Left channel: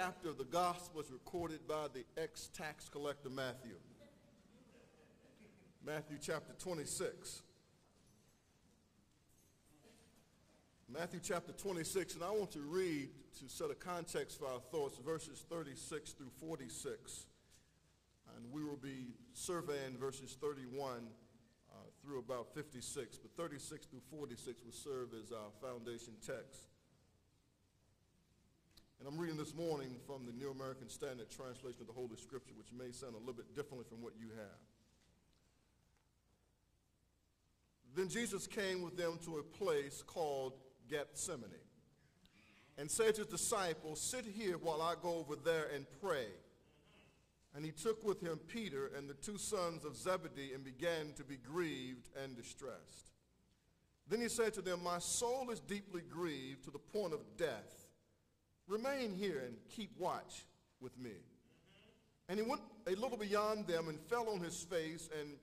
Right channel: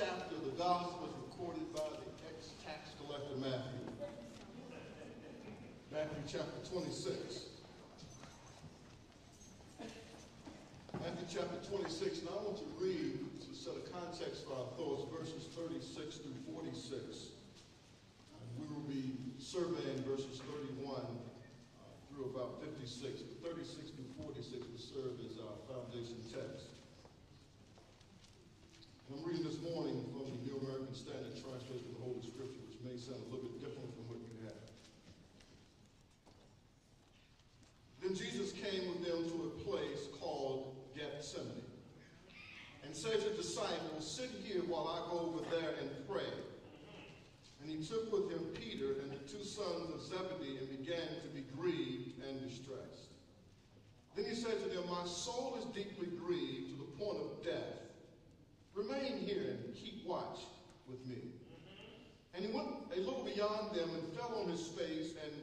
chapter of the gospel is recorded by the ex-tax collector Matthew. Matthew chapter 26. Matthew chapter 26, and I want to read, to set a context for our thoughts, verses 36 through 46. And we will be surveying verses 31 through about 56, but 36 through 46 will serve as our foundation text. And I'm reading this morning from the New American Standard Translation of the Holy Scripture, which may sound a little bit differently from what you have. Then Jesus came with them to a place called Gethsemane, and said to the disciples, "Sit here while I go over there and pray." And he took with him Peter and the two sons of Zebedee and began to be grieved and distressed. Then he said to them, "My soul is deeply grieved to the point of death. Remain here and keep watch with me." And he went a little beyond them and fell on his face and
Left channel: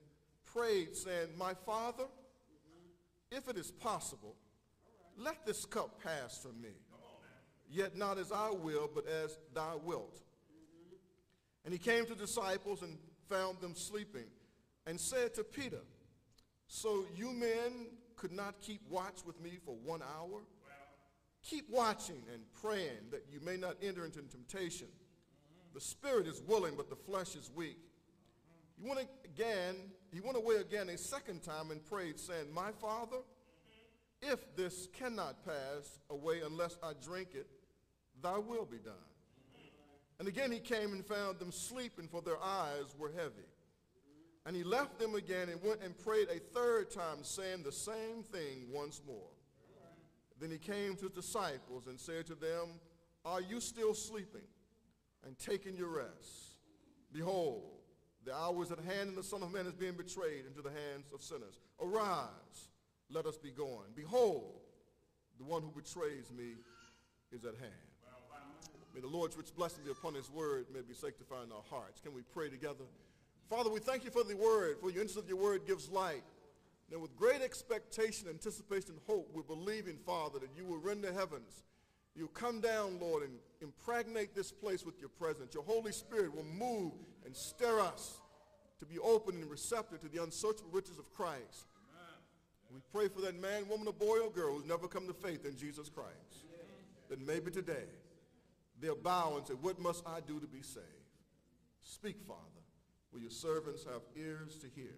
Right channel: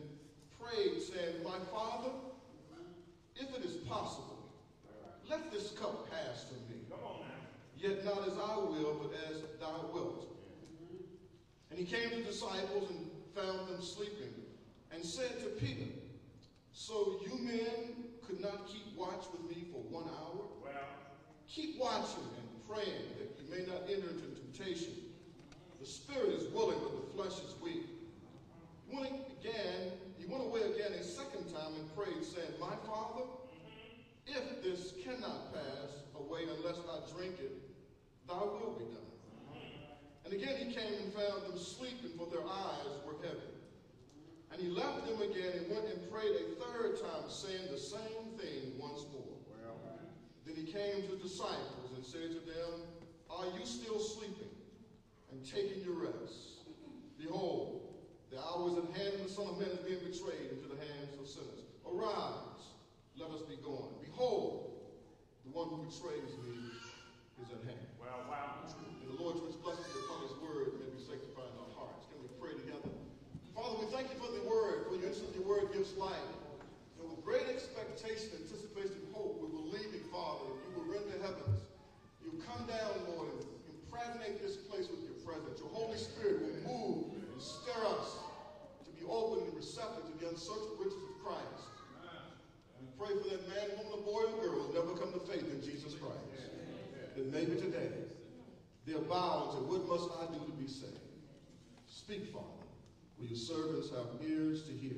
prayed, saying, "My Father, if it is possible, let this cup pass from me. Yet not as I will, but as thou wilt." And he came to the disciples and found them sleeping, and said to Peter, "So you men could not keep watch with me for 1 hour? Keep watching and praying that you may not enter into temptation. The spirit is willing, but the flesh is weak." He went away again a second time and prayed, saying, "My Father, if this cannot pass away unless I drink it, thy will be done." And again he came and found them sleeping, for their eyes were heavy. And he left them again and went and prayed a third time, saying the same thing once more. Then he came to the disciples and said to them, "Are you still sleeping and taking your rest? Behold, the hour is at hand, and the Son of Man is being betrayed into the hands of sinners. Arise, let us be going. Behold, the one who betrays me is at hand." May the Lord's rich blessing be upon his word, may be sanctified in our hearts. Can we pray together? Father, we thank you for the word. For your instant your word gives life. And with great expectation, anticipation, and hope, we believe in, Father, that you will rend the heavens. You'll come down, Lord, and impregnate this place with your presence. Your Holy Spirit will move and stir us to be open and receptive to the unsearchable riches of Christ. We pray for that man, woman, or boy, or girl who never come to faith in Jesus Christ. That maybe today they'll bow and say, "What must I do to be saved?" Speak, Father, for your servants have ears to hear.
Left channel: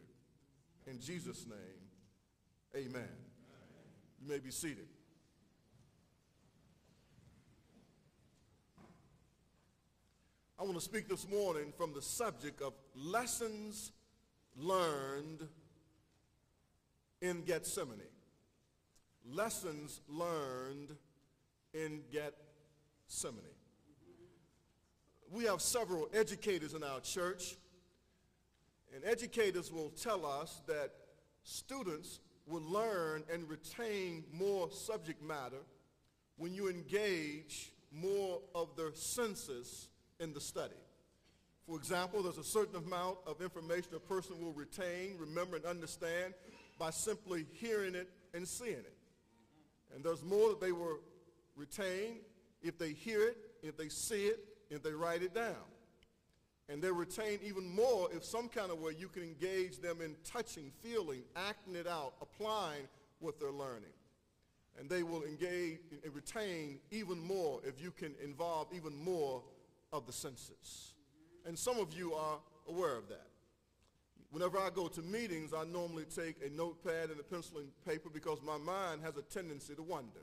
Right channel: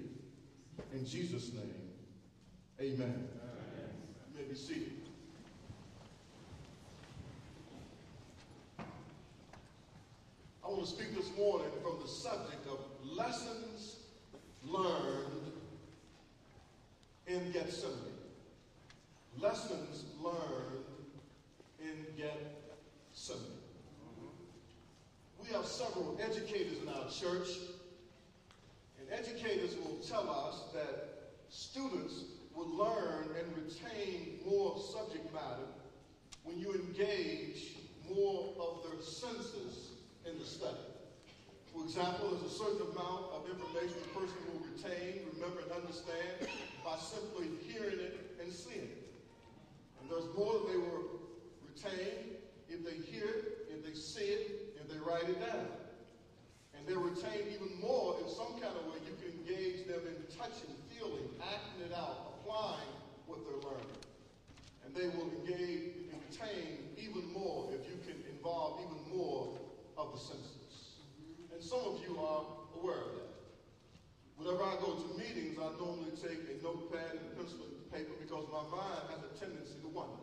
In Jesus' name, amen. You may be seated. I want to speak this morning from the subject of lessons learned in Gethsemane. Lessons learned in Gethsemane. We have several educators in our church, and educators will tell us that students will learn and retain more subject matter when you engage more of their senses in the study. For example, there's a certain amount of information a person will retain, remember, and understand by simply hearing it and seeing it. And there's more that they will retain if they hear it, if they see it, if they write it down. And they retain even more if some kind of way you can engage them in touching, feeling, acting it out, applying what they're learning. And they will engage and retain even more if you can involve even more of the senses. And some of you are aware of that. Whenever I go to meetings, I normally take a notepad and a pencil and paper because my mind has a tendency to wander.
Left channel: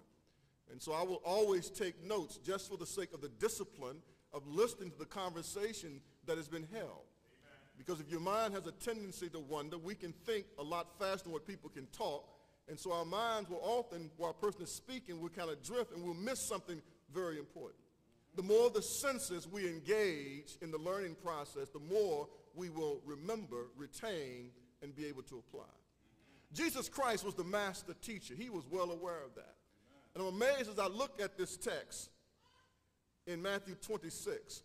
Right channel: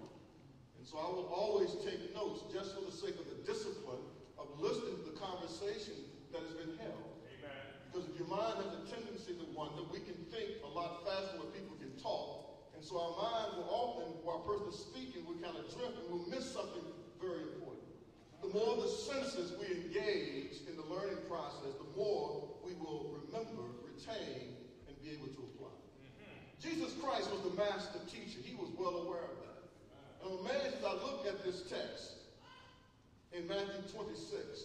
And so I will always take notes just for the sake of the discipline of listening to the conversation that has been held. Amen. Because if your mind has a tendency to wander, we can think a lot faster than what people can talk. And so our minds will often, while a person is speaking, we'll kind of drift and we'll miss something very important. The more the senses we engage in the learning process, the more we will remember, retain, and be able to apply. Jesus Christ was the master teacher. He was well aware of that. And I'm amazed as I look at this text in Matthew 26,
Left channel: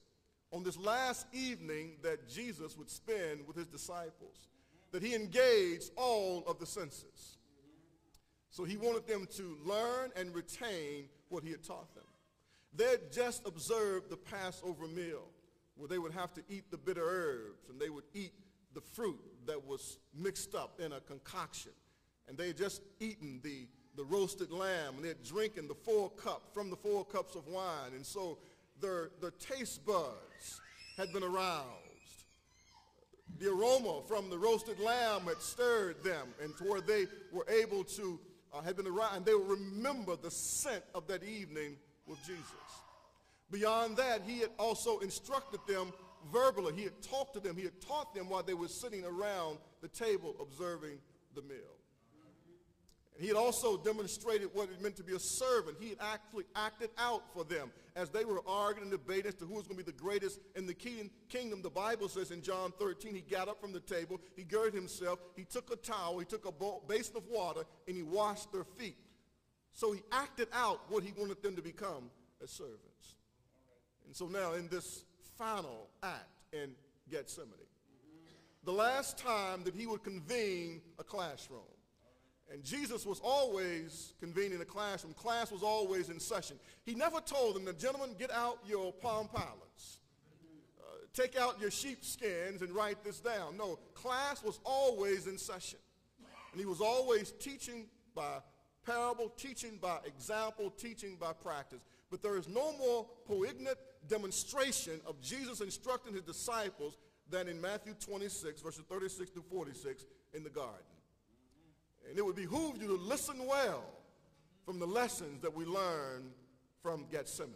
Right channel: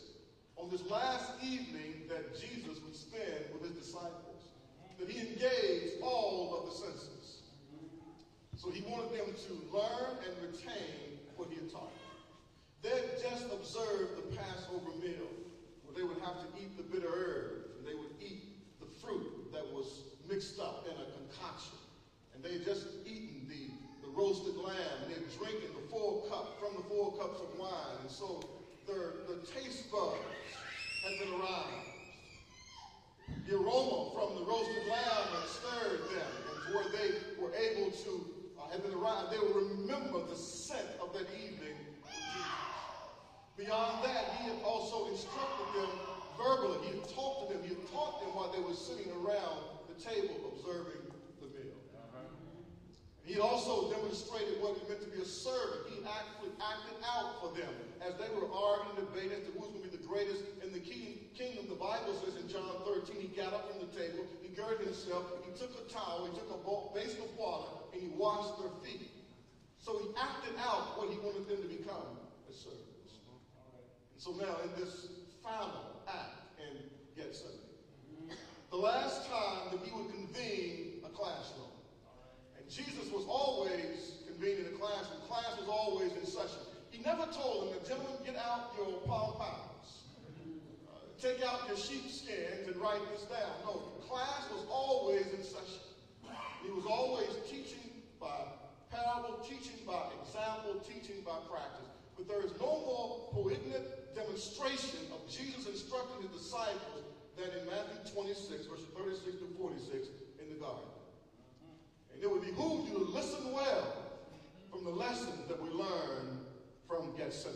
on this last evening that Jesus would spend with his disciples, that he engaged all of the senses. So he wanted them to learn and retain what he had taught them. They had just just observed the Passover meal where they would have to eat the bitter herbs and they would eat the fruit that was mixed up in a concoction. And they just eaten the roasted lamb. They're drinking the full cup from the 4 cups of wine. And so their taste buds had been aroused. The aroma from the roasted lamb had stirred them, and where they were able to, had been aroused. They would remember the scent of that evening with Jesus. Beyond that, he had also instructed them verbally. He had talked to them. He had taught them while they were sitting around the table observing the meal. He had also demonstrated what it meant to be a servant. He actually acted out for them as they were arguing and debating as to who was going to be the greatest in the kingdom. The Bible says in John 13, he got up from the table, he girded himself, he took a towel, he took a basin of water, and he washed their feet. So he acted out what he wanted them to become as servants. And so now in this final act in Gethsemane, the last time that he would convene a classroom, and Jesus was always convening a class, and the class was always in session. He never told them, gentlemen, get out your palm powders. Take out your sheepskins and write this down. No, class was always in session. And he was always teaching by parable, teaching by example, teaching by practice. But there is no more poignant demonstration of Jesus instructing his disciples than in Matthew 26, verses 36 to 46 in the garden. And it would behoove you to listen well from the lessons that we learn from Gethsemane.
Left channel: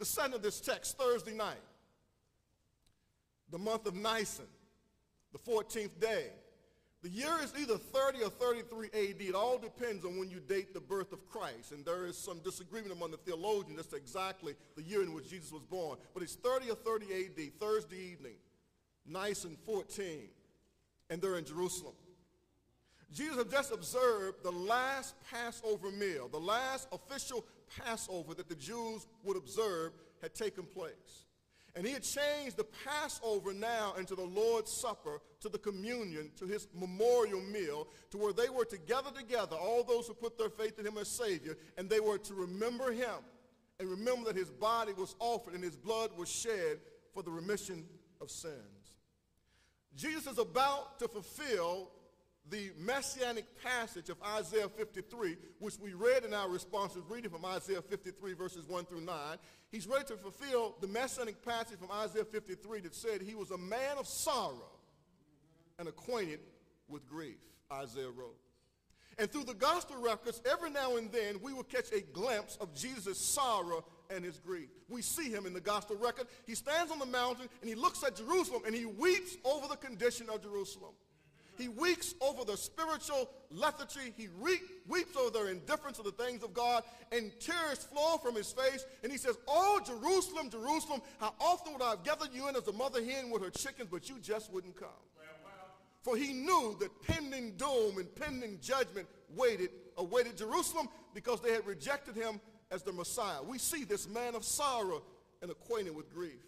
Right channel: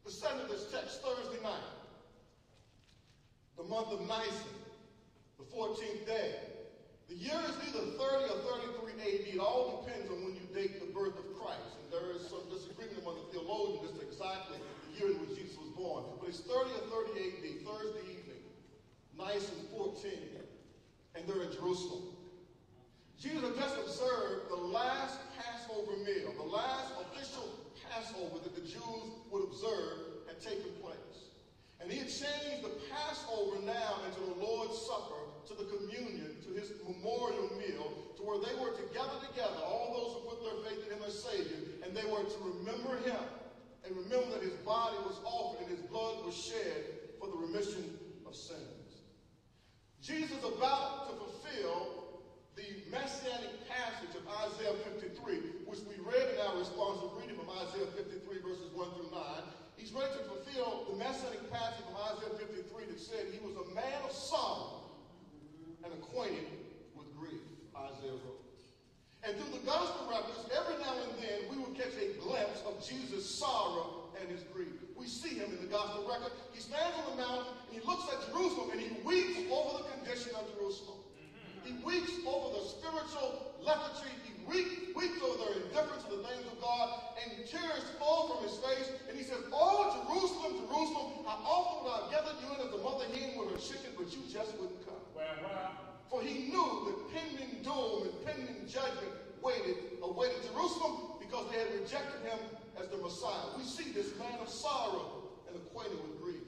The setting of this text, Thursday night, the month of Nisan, the 14th day. The year is either 30 or 33 AD. It all depends on when you date the birth of Christ. And there is some disagreement among the theologians as to exactly the year in which Jesus was born. But it's 30 or 30 AD, Thursday evening, Nisan 14, and they're in Jerusalem. Jesus had just observed the last Passover meal, the last official Passover that the Jews would observe had taken place. And he had changed the Passover now into the Lord's Supper, to the communion, to his memorial meal, to where they were to gather together, all those who put their faith in him as Savior, and they were to remember him and remember that his body was offered and his blood was shed for the remission of sins. Jesus is about to fulfill the messianic passage of Isaiah 53, which we read in our responsive reading from Isaiah 53, verses 1 through 9. He's ready to fulfill the messianic passage from Isaiah 53 that said he was a man of sorrow and acquainted with grief, Isaiah wrote. And through the gospel records, every now and then we will catch a glimpse of Jesus' sorrow and his grief. We see him in the gospel record. He stands on the mountain and he looks at Jerusalem and he weeps over the condition of Jerusalem. He weeps over the spiritual lethargy. He weeps over their indifference to the things of God, and tears flow from his face. And he says, "Oh, Jerusalem, Jerusalem, how often would I have gathered you in as a mother hen with her chickens, but you just wouldn't come." For he knew that pending doom and pending judgment awaited Jerusalem because they had rejected him as the Messiah. We see this man of sorrow and acquainted with grief.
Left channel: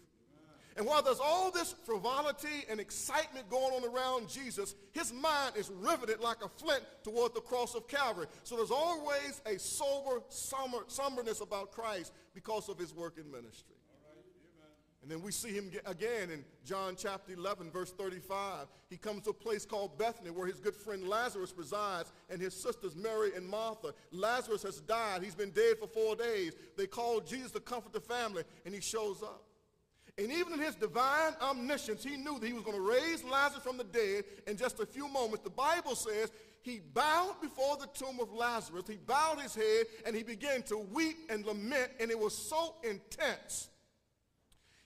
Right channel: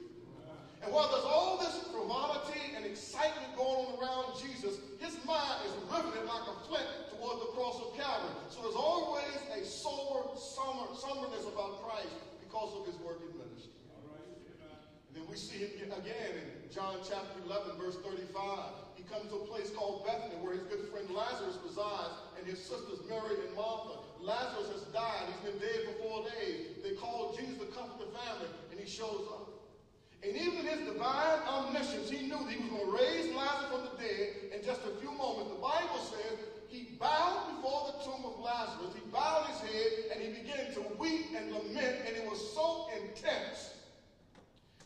And while there's all this frivolity and excitement going on around Jesus, his mind is riveted like a flint toward the cross of Calvary. So there's always a somberness about Christ because of his work in ministry. And then we see him again in John chapter 11, verse 35. He comes to a place called Bethany where his good friend Lazarus resides and his sisters Mary and Martha. Lazarus has died. He's been dead for 4 days. They call Jesus to comfort the family, and he shows up. And even in his divine omniscience, he knew that he was going to raise Lazarus from the dead in just a few moments. The Bible says he bowed before the tomb of Lazarus. He bowed his head and he began to weep and lament, and it was so intense.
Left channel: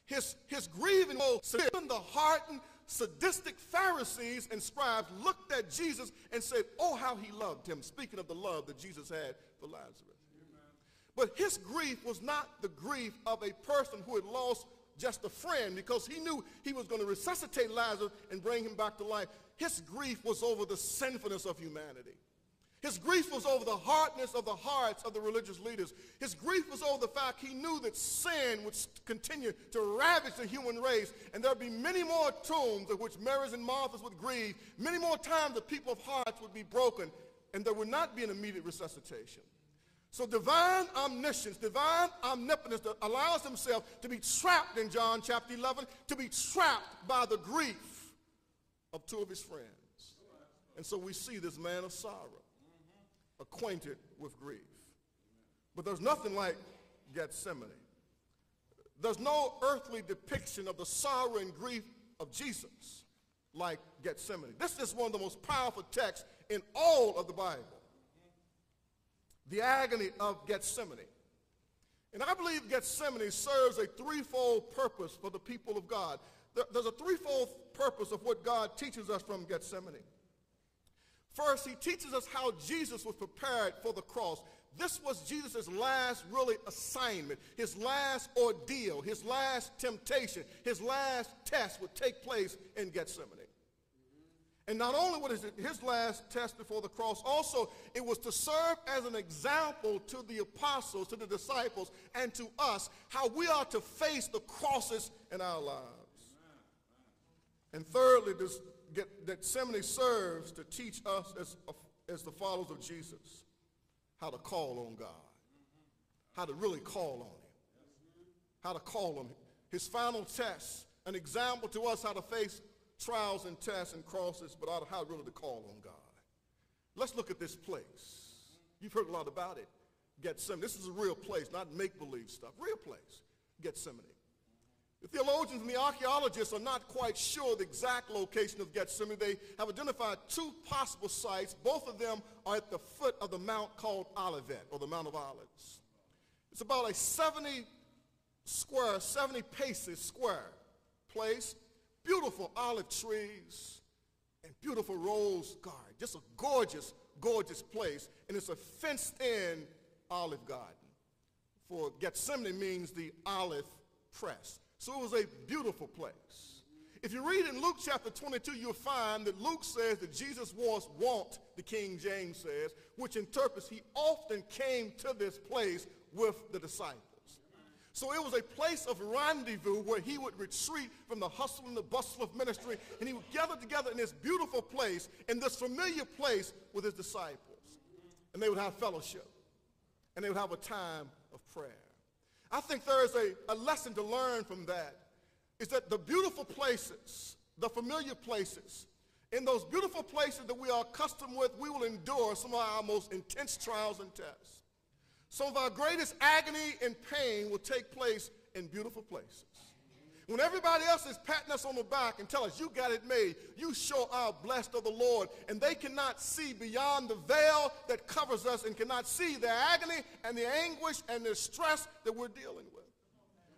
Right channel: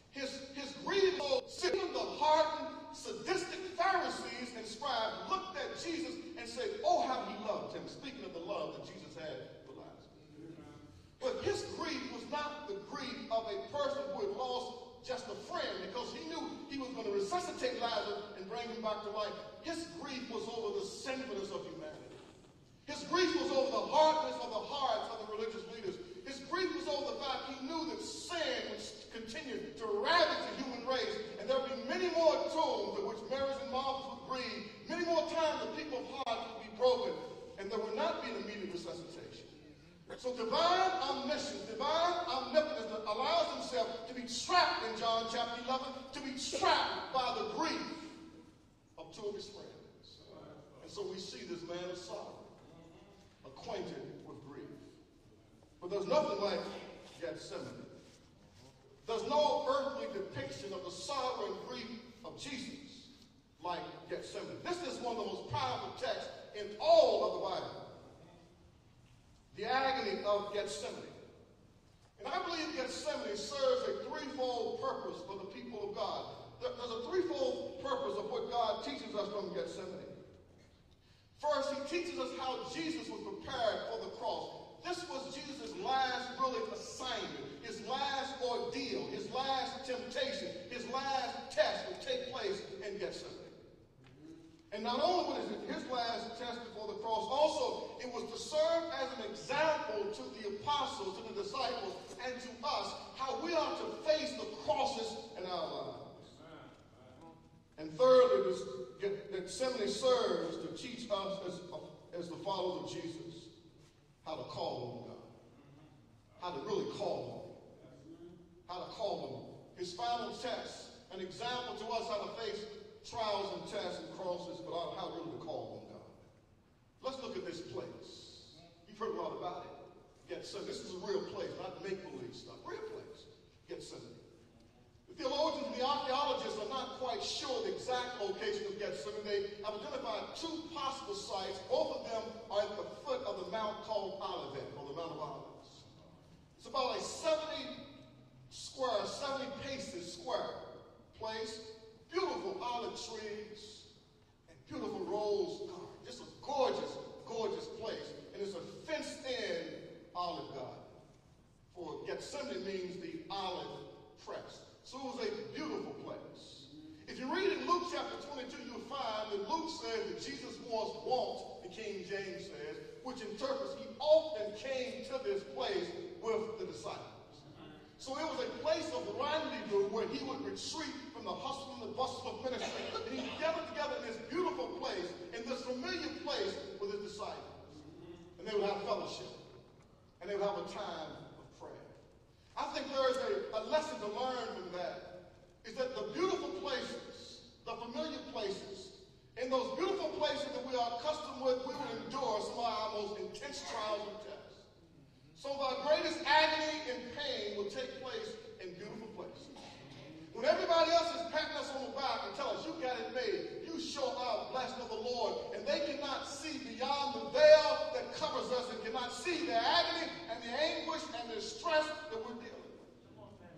His grief was even the hardened, sadistic Pharisees and scribes looked at Jesus and said, "Oh, how he loved him," speaking of the love that Jesus had for Lazarus. But his grief was not the grief of a person who had lost just a friend, because he knew he was going to resuscitate Lazarus and bring him back to life. His grief was over the sinfulness of humanity. His grief was over the hardness of the hearts of the religious leaders. His grief was over the fact he knew that sin would continue to ravage the human race, and there would be many more tombs at which Marys and Marthas would grieve, many more times that people's hearts would be broken, and there would not be an immediate resuscitation. So divine omniscience, divine omnipotence allows himself to be trapped in John chapter 11, to be trapped by the grief of two of his friends. And so we see this man of sorrow, acquainted with grief. But there's nothing like Gethsemane. There's no earthly depiction of the sorrow and grief of Jesus like Gethsemane. This is one of the most powerful texts in all of the Bible. The agony of Gethsemane. And I believe Gethsemane serves a threefold purpose for the people of God. There's a threefold purpose of what God teaches us from Gethsemane. First, he teaches us how Jesus was prepared for the cross. This was Jesus' last really assignment, his last ordeal, his last temptation, his last test would take place in Gethsemane. And not only was it his last test before the cross, also it was to serve as an example to the apostles, to the disciples, and to us, how we are to face the crosses in our lives. And thirdly, Gethsemane serves to teach us as the followers of Jesus how to call on God, how to really call on him, how to call on him. His final test, an example to us how to face trials and tests and crosses, but how really to call on God. Let's look at this place. You've heard a lot about it. Gethsemane. This is a real place, not make-believe stuff. Real place. Gethsemane. The theologians and the archaeologists are not quite sure the exact location of Gethsemane. They have identified two possible sites. Both of them are at the foot of the mount called Olivet, or the Mount of Olives. It's about a 70 paces square place. Beautiful olive trees and beautiful rose garden. Just a gorgeous, gorgeous place. And it's a fenced-in olive garden. For Gethsemane means the olive press. So it was a beautiful place. If you read in Luke chapter 22, you'll find that Luke says that Jesus was wont, the King James says, which interprets he often came to this place with the disciples. So it was a place of rendezvous where he would retreat from the hustle and the bustle of ministry, and he would gather together in this beautiful place, in this familiar place with his disciples. And they would have fellowship, and they would have a time of prayer. I think there's a lesson to learn from that, is that the beautiful places, the familiar places, in those beautiful places that we are accustomed with, we will endure some of our most intense trials and tests. Some of our greatest agony and pain will take place in beautiful places. When everybody else is patting us on the back and telling us, you got it made, you sure are blessed of the Lord, and they cannot see beyond the veil that covers us and cannot see the agony and the anguish and the stress that we're dealing with.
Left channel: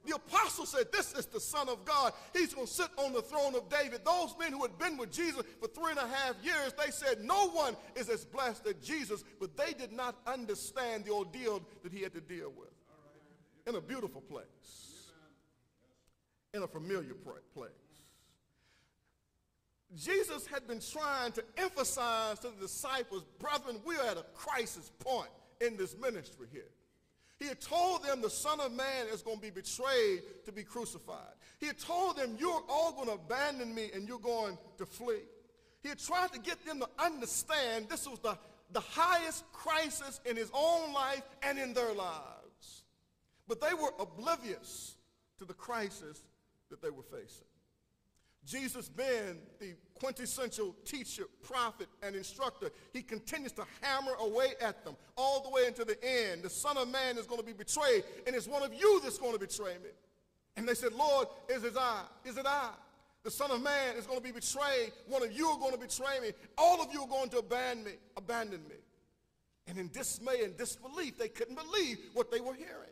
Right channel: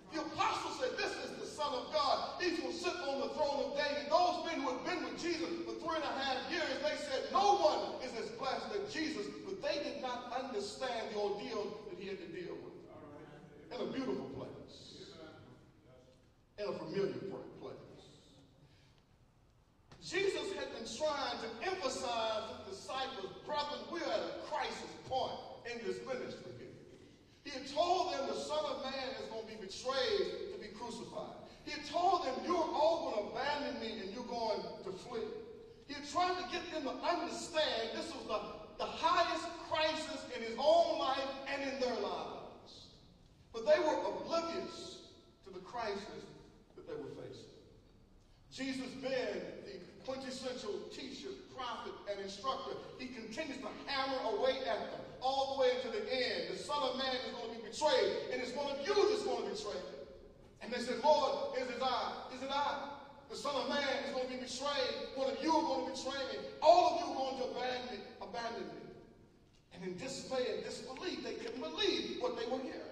The apostle said, this is the Son of God. He's going to sit on the throne of David. Those men who had been with Jesus for 3.5 years, they said no one is as blessed as Jesus, but they did not understand the ordeal that he had to deal with. In a beautiful place. In a familiar place. Jesus had been trying to emphasize to the disciples, brethren, we are at a crisis point in this ministry here. He had told them the Son of Man is going to be betrayed to be crucified. He had told them, you're all going to abandon me and you're going to flee. He had tried to get them to understand this was the highest crisis in his own life and in their lives. But they were oblivious to the crisis that they were facing. Jesus, being the quintessential teacher, prophet, and instructor, he continues to hammer away at them all the way to the end. The Son of Man is going to be betrayed, and it's one of you that's going to betray me. And they said, Lord, is it I? Is it I? The Son of Man is going to be betrayed. One of you are going to betray me. All of you are going to abandon me. And in dismay and disbelief, they couldn't believe what they were hearing.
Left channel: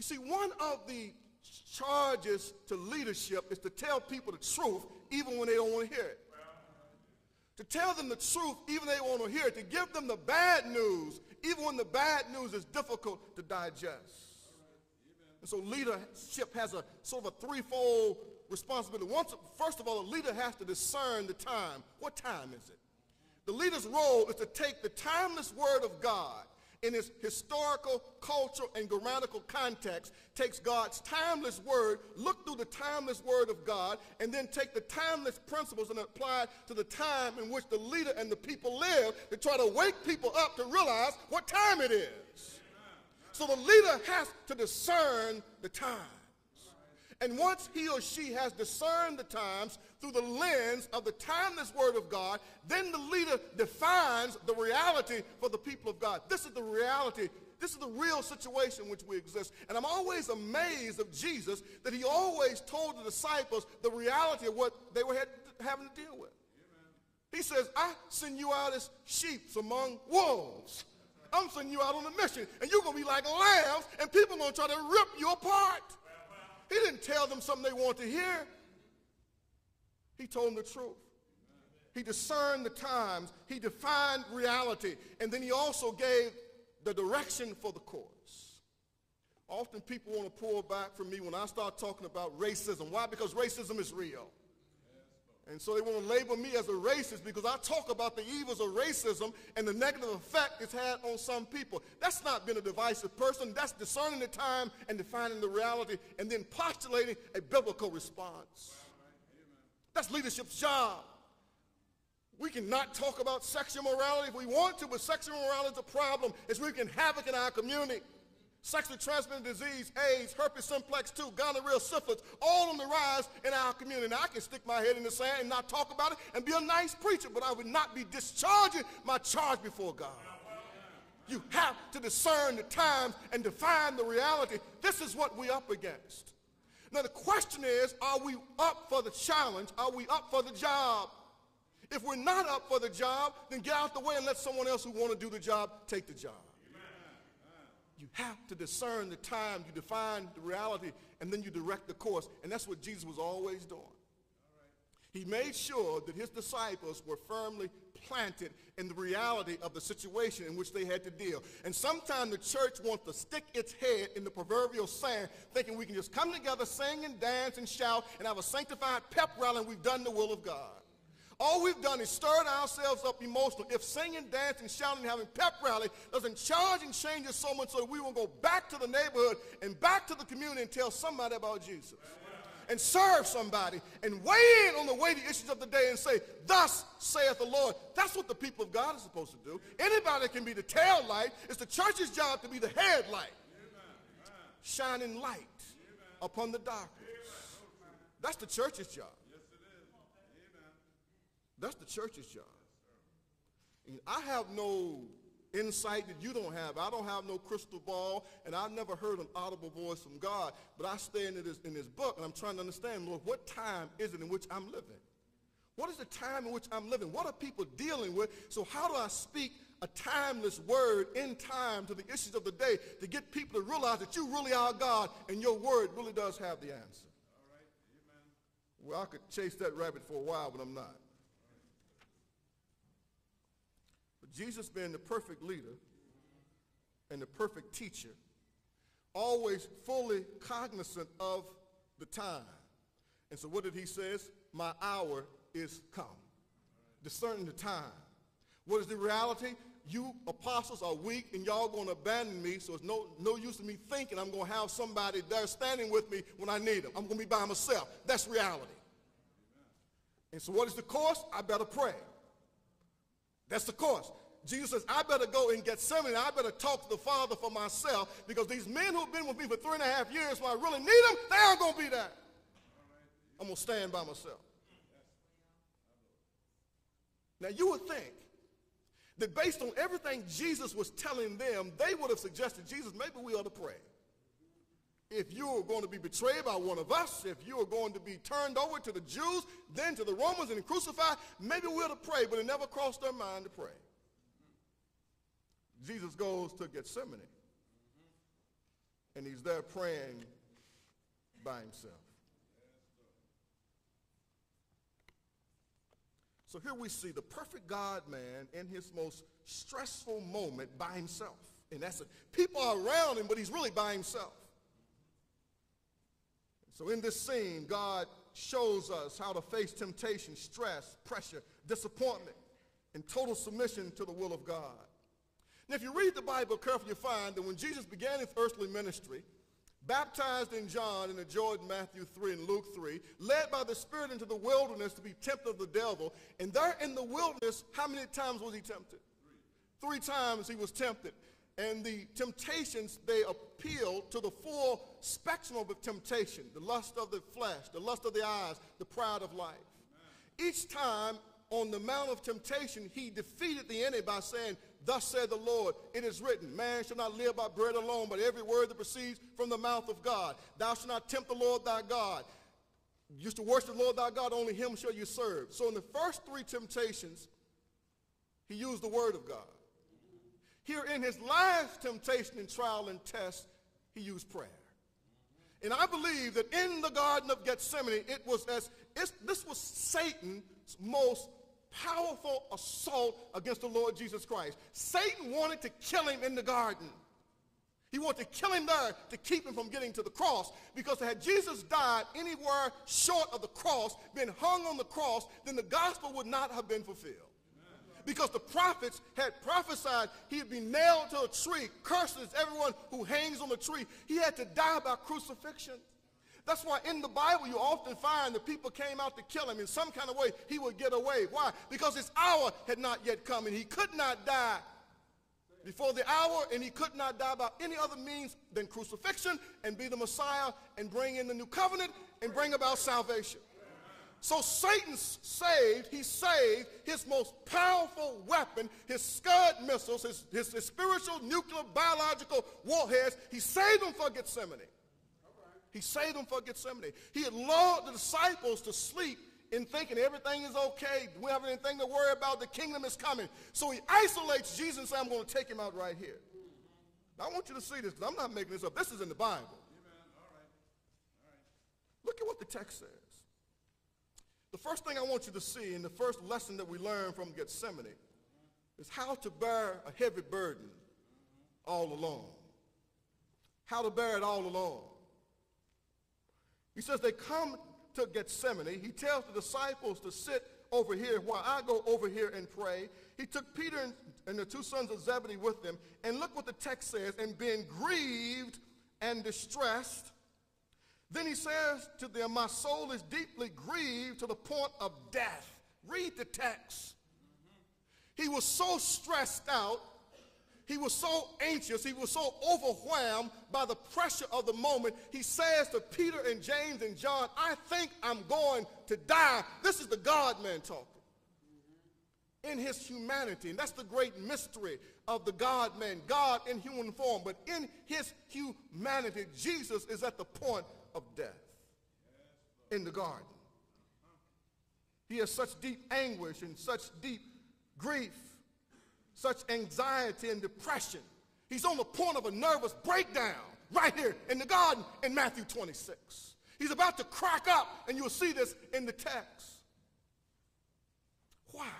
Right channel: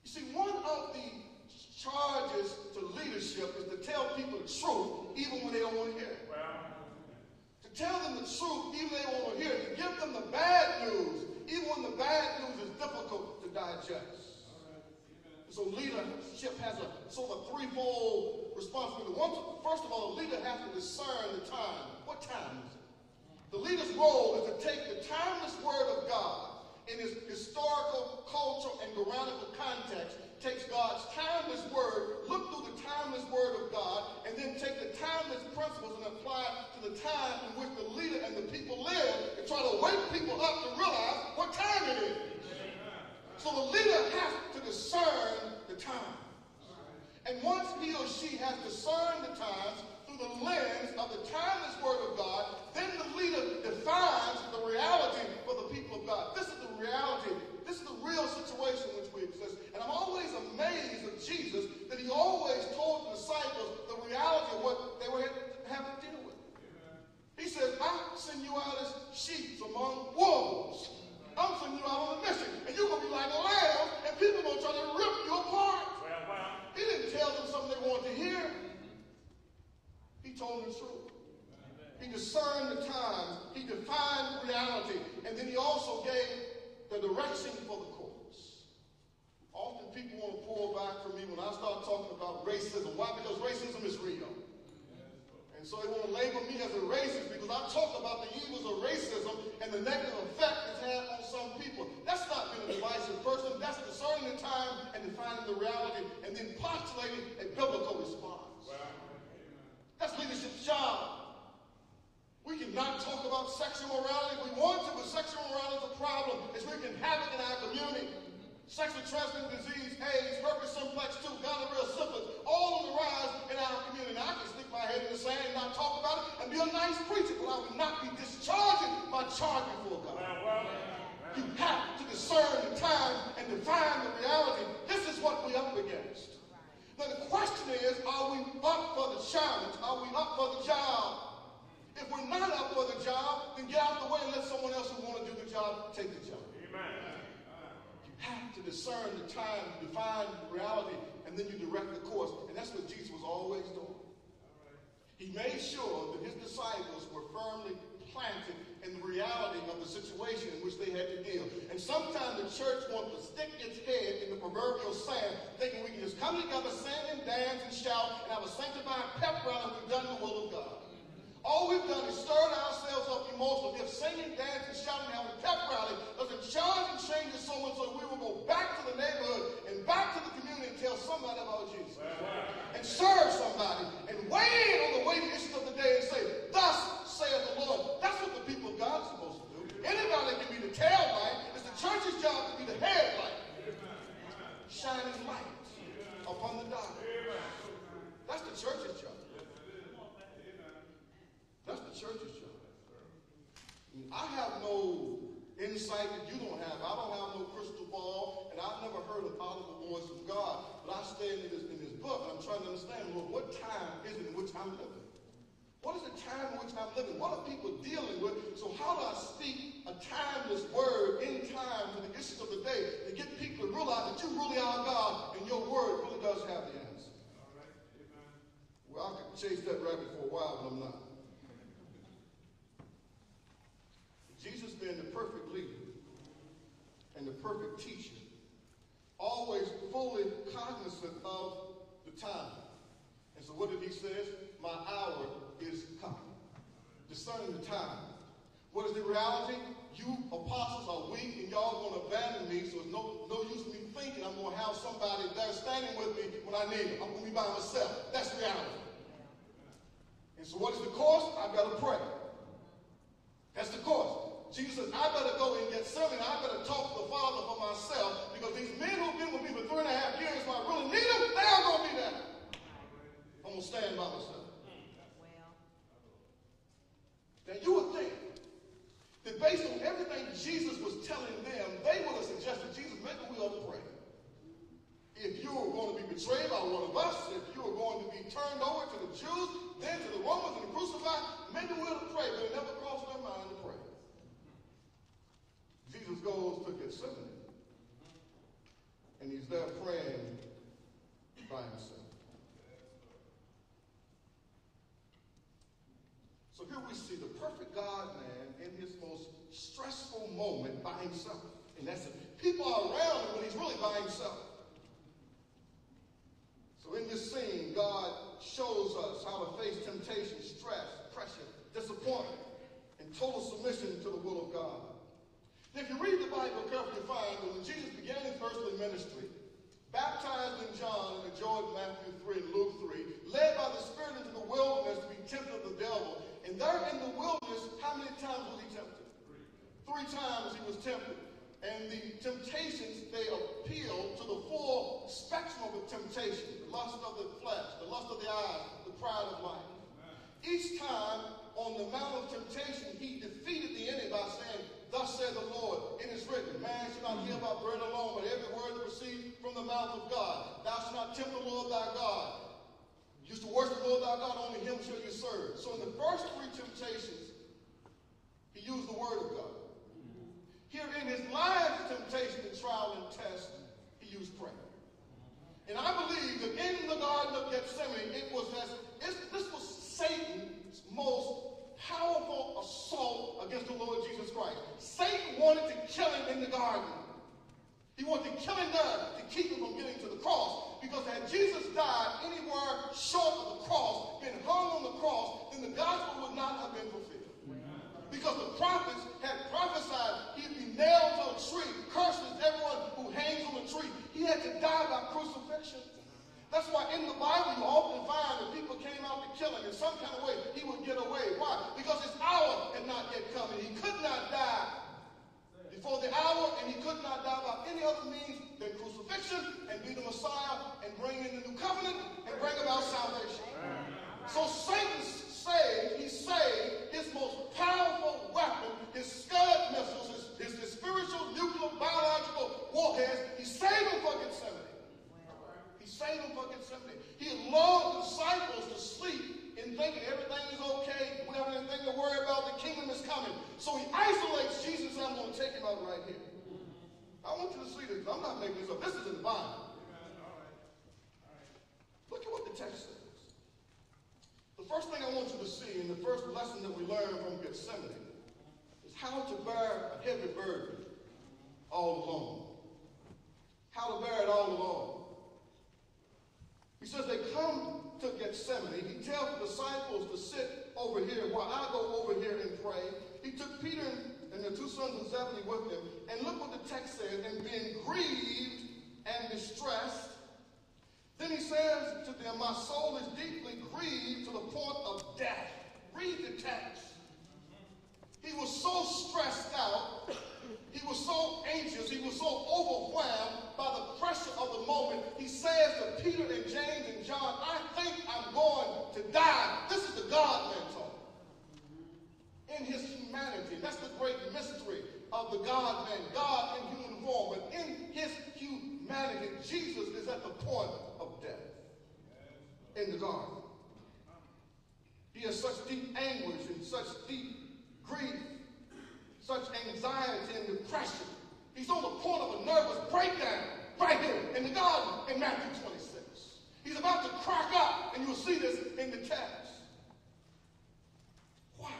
You see, one of the charges to leadership is to tell people the truth even when they don't want to hear it. To tell them the truth even when they don't want to hear it. To give them the bad news even when the bad news is difficult to digest. And so leadership has a sort of a threefold responsibility. First of all, a leader has to discern the time. What time is it? The leader's role is to take the timeless word of God in its historical, cultural, and grammatical context, takes God's timeless word, look through the timeless word of God, and then take the timeless principles and apply to the time in which the leader and the people live, and try to wake people up to realize what time it is. discern the times. And once he or she has discerned the times through the lens of the timeless word of God, then the leader defines the reality for the people of God. This is the reality. This is the real situation in which we exist. And I'm always amazed of Jesus that he always told the disciples the reality of what they were having to deal with. He says, I send you out as sheep among wolves. I'm sending you out on a mission. And you're going to be like lambs, and people are going to try to rip you apart. He didn't tell them something they want to hear. He told them the truth. He discerned the times. He defined reality. And then he also gave the direction for the course. Often people want to pull back from me when I start talking about racism. Why? Because racism is real. And so they want to label me as a racist because I talk about the evils of racism and the negative effect it's had on some people. That's not being a divisive person. That's discerning the time and defining the reality and then postulating a biblical response. That's leadership's job. We cannot talk about sexual morality if we want to, but sexual morality is a problem. It's wreaking havoc in our community. Sexually transmitted disease, AIDS, herpes simplex 2, gonorrhea, syphilis, all on the rise in our community. And I can stick my head in the sand and not talk about it and be a nice preacher, but I would not be discharging my charge before God. You have to discern the time and define the reality. This is what we're up against. Now the question is, are we up for the challenge? Are we up for the job? If we're not up for the job, then get out the way and let someone else who want to do the job take the job. Have to discern the time, to define the reality, and then you direct the course. And that's what Jesus was always doing. He made sure that his disciples were firmly planted in the reality of the situation in which they had to deal. And sometimes the church wants to stick its head in the proverbial sand, thinking we can just come together, sing and dance and shout, and have a sanctified pep rally, and we've done the will of God. All we've done is stirred ourselves up emotionally. If singing, dancing, shouting, having a pep rally doesn't charge and change us so much so we will go back to the neighborhood and back to the community and tell somebody about Jesus. And serve somebody and weigh in on the weighty issues of the day and say, thus saith the Lord. That's what the people of God are supposed to do. Anybody can be the tail light. It's the church's job to be the headlight. Shining light upon the darkness. That's the church's job. That's the church's job. And I have no insight that you don't have. I don't have no crystal ball, and I've never heard an audible voice from God. But I stand in this book, and I'm trying to understand, Lord, what time is it in which I'm living? What is the time in which I'm living? What are people dealing with? So how do I speak a timeless word in time to the issues of the day to get people to realize that you really are God and your word really does have the answer? Well, I could chase that rabbit for a while, but I'm not. Jesus being the perfect leader and the perfect teacher, always fully cognizant of the time. And so what did he say? My hour is coming. Discerning the time. What is the reality? You apostles are weak and y'all going to abandon me, so it's no use of me thinking I'm going to have somebody there standing with me when I need them. I'm going to be by myself. That's reality. And so what is the course? I better pray. That's the course. Jesus says, I better go and Gethsemane. I better talk to the Father for myself because these men who've been with me for 3.5 years, if I really need them, they're all going to be there. I'm going to stand by myself. Now, you would think that based on everything Jesus was telling them, they would have suggested, Jesus, maybe we ought to pray. If you were going to be betrayed by one of us, if you were going to be turned over to the Jews, then to the Romans and crucified, maybe we ought to pray, but it never crossed their mind to pray. Jesus goes to Gethsemane, and he's there praying by himself. So here we see the perfect God-man in his most stressful moment by himself. In essence, people are around him, but he's really by himself. So in this scene, God shows us how to face temptation, stress, pressure, disappointment, and total submission to the will of God. Now, if you read the Bible carefully, you find that when Jesus began his earthly ministry, baptized in John and in Jordan, Matthew 3 and Luke 3, led by the Spirit into the wilderness to be tempted of the devil, and there in the wilderness, how many times was he tempted? 3 times he was tempted. And the temptations, they appeal to the full spectrum of the temptation, the lust of the flesh, the lust of the eyes, the pride of life. Each time on the Mount of Temptation, he defeated the enemy by saying, "Thus said the Lord, it is written, man shall not live by bread alone, but every word that proceeds from the mouth of God. Thou shalt not tempt the Lord thy God. You used to worship the Lord thy God, only him shall you serve." So in the first three temptations, he used the word of God. Here in his last temptation and trial and test, he used prayer. And I believe that in the Garden of Gethsemane, this was Satan's most powerful assault against the Lord Jesus Christ. Satan wanted to kill him in the garden. He wanted to kill him there to keep him from getting to the cross. Because had Jesus died anywhere short of the cross, been hung on the cross, then the gospel would not have been fulfilled. Because the prophets had prophesied he'd be nailed to a tree, curses everyone who hangs on the tree. He had to die by crucifixion. That's why in the Bible you often find that people came out to kill him in some kind of way. He would get away. Why? Because his hour had not yet come, and he could not die before the hour, and he could not die by any other means than crucifixion and be the Messiah and bring in the new covenant and bring about salvation. So Satan he saved his most powerful weapon, his Scud missiles, his spiritual, nuclear, biological warheads. He saved them for Gethsemane. He saved them for Gethsemane. He had lulled the disciples to sleep in thinking everything is okay. We don't have anything to worry about. The kingdom is coming. So he isolates Jesus and says, "I'm going to take him out right here." Now, I want you to see this. I'm not making this up. This is in the Bible. Look at what the text says. The first thing I want you to see, and the first lesson that we learn from Gethsemane, is how to bear a heavy burden all alone. How to bear it all alone. He says they come to Gethsemane. He tells the disciples to sit over here while I go over here and pray. He took Peter and the two sons of Zebedee with him. And look what the text says, "And being grieved and distressed," then he says to them, "My soul is deeply grieved to the point of death." Read the text. He was so stressed out. He was so anxious. He was so overwhelmed by the pressure of the moment. He says to Peter and James and John, "I think I'm going to die." This is the God-man talk. In his humanity, that's the great mystery of the God-man, God in human form. But in his humanity, Jesus is at the point of death in the garden. He has such deep anguish and such deep grief, such anxiety and depression. He's on the point of a nervous breakdown right here in the garden in Matthew 26. He's about to crack up, and you'll see this in the text. Why?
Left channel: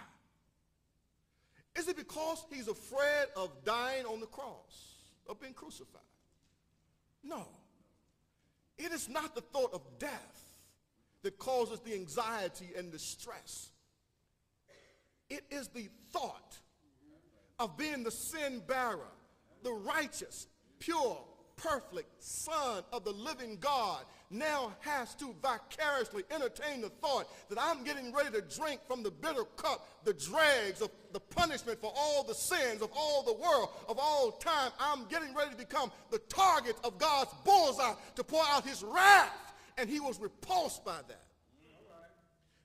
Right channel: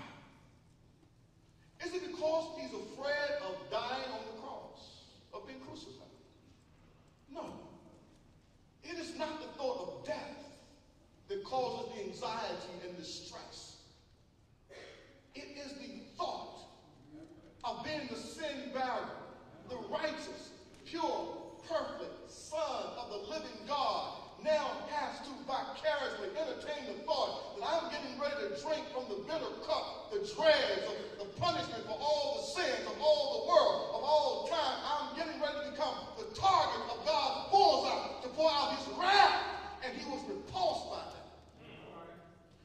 Is it because he's afraid of dying on the cross, of being crucified? No. It is not the thought of death that causes the anxiety and the stress. It is the thought of being the sin bearer, the righteous, pure, perfect Son of the living God, now has to vicariously entertain the thought that I'm getting ready to drink from the bitter cup, the dregs of the punishment for all the sins of all the world, of all time. I'm getting ready to become the target of God's bullseye to pour out his wrath. And he was repulsed by that.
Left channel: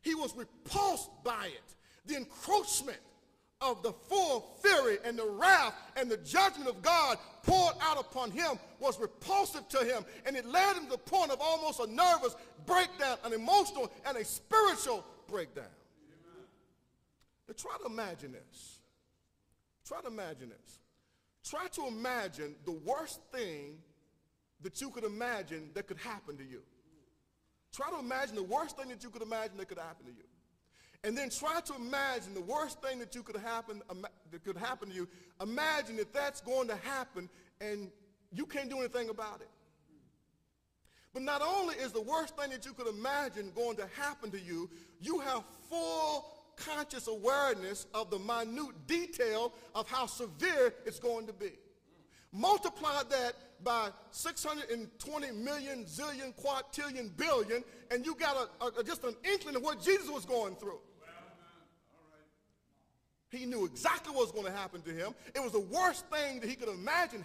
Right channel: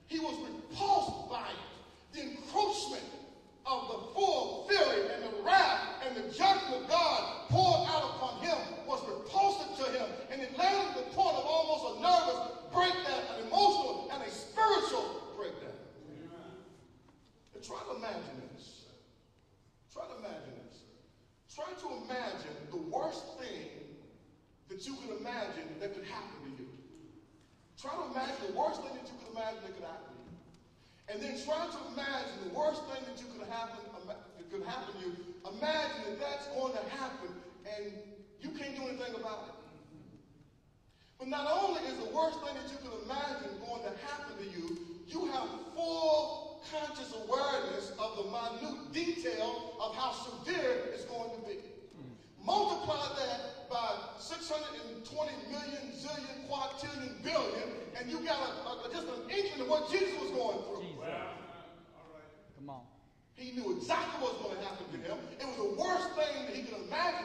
He was repulsed by it. The encroachment of the full fury and the wrath and the judgment of God poured out upon him was repulsive to him, and it led him to the point of almost a nervous breakdown, an emotional and a spiritual breakdown. But try to imagine this. Try to imagine this. Try to imagine the worst thing that you could imagine that could happen to you. Try to imagine the worst thing that you could imagine that could happen to you. And then try to imagine the worst thing that could happen to you. Imagine that that's going to happen and you can't do anything about it. But not only is the worst thing that you could imagine going to happen to you, you have full conscious awareness of the minute detail of how severe it's going to be. Multiply that by 620 million, zillion, quadrillion, billion, and you got just an inkling of what Jesus was going through. He knew exactly what was going to happen to him. It was the worst thing that he could imagine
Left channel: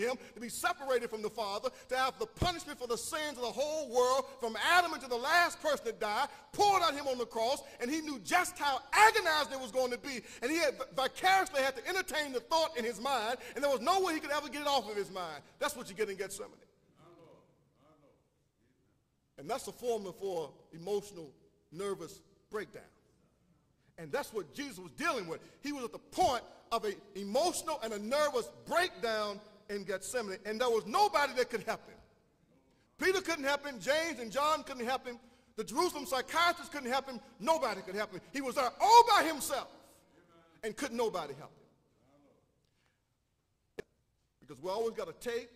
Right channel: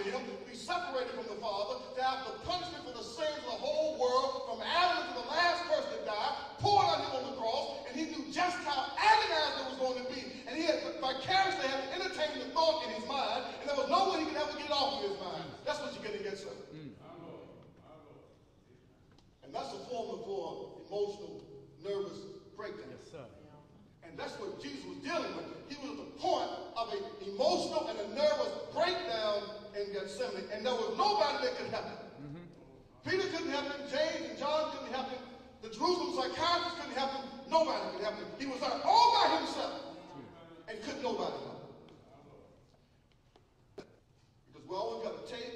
him to be separated from the Father, to have the punishment for the sins of the whole world, from Adam to the last person that died, poured on him on the cross, and he knew just how agonized it was going to be. And he had vicariously had to entertain the thought in his mind, and there was no way he could ever get it off of his mind. That's what you get in Gethsemane. And that's a formula for emotional, nervous breakdown. Yes, sir. And that's what Jesus was dealing with. He was at the point of an emotional and a nervous breakdown in Gethsemane, and there was nobody that could help him. Peter couldn't help him. James and John couldn't help him. The Jerusalem psychiatrist couldn't help him. Nobody could help him. He was there all by himself, and couldn't nobody help him. Because we always got a tape,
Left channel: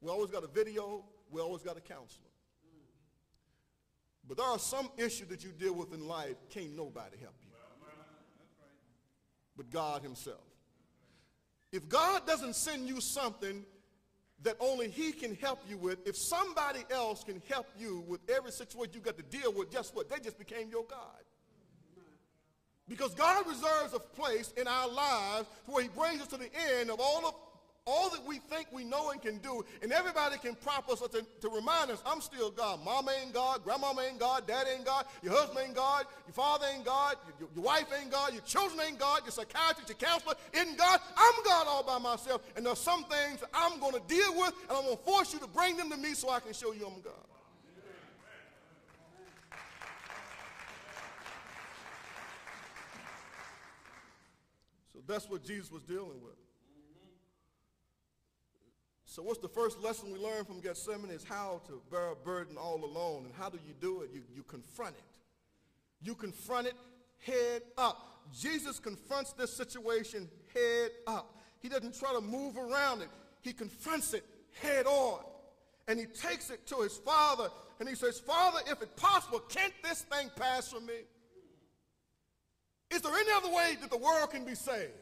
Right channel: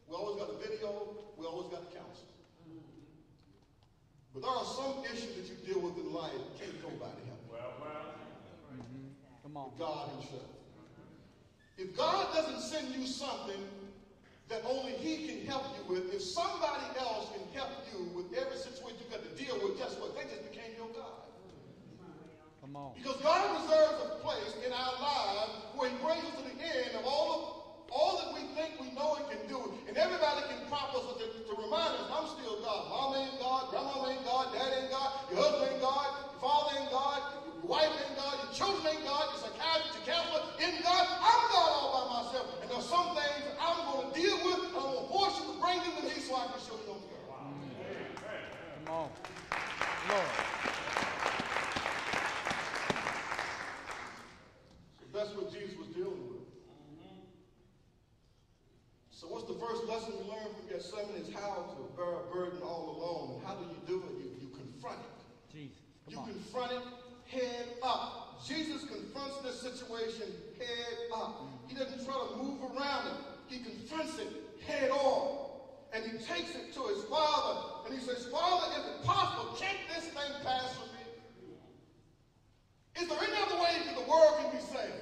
we always got a video, we always got a counselor. But there are some issues that you deal with in life, can't nobody help you. Come on. But God himself. If God doesn't send you something that only he can help you with, if somebody else can help you with every situation you got to deal with, guess what? They just became your God. Come on. Because God reserves a place in our lives where he brings us to the end of all that we think we know and can do. And everybody can prompt us to remind us, I'm still God. Mama ain't God, grandmama ain't God, dad ain't God, your husband ain't God, your father ain't God, your wife ain't God, your children ain't God, your psychiatrist, your counselor ain't God. I'm God all by myself. And there's some things that I'm going to deal with, and I'm going to force you to bring them to me so I can show you I'm God. Come on. Lord. So that's what Jesus was dealing with. So what's the first lesson we learn from Gethsemane is how to bear a burden all alone. And how do you do it? You confront it. Jesus. You confront it head up. Jesus confronts this situation head up. He doesn't try to move around it. He confronts it head on. And he takes it to his Father. And he says, Father, if it's possible, can't this thing pass from me? Is there any other way that the world can be saved?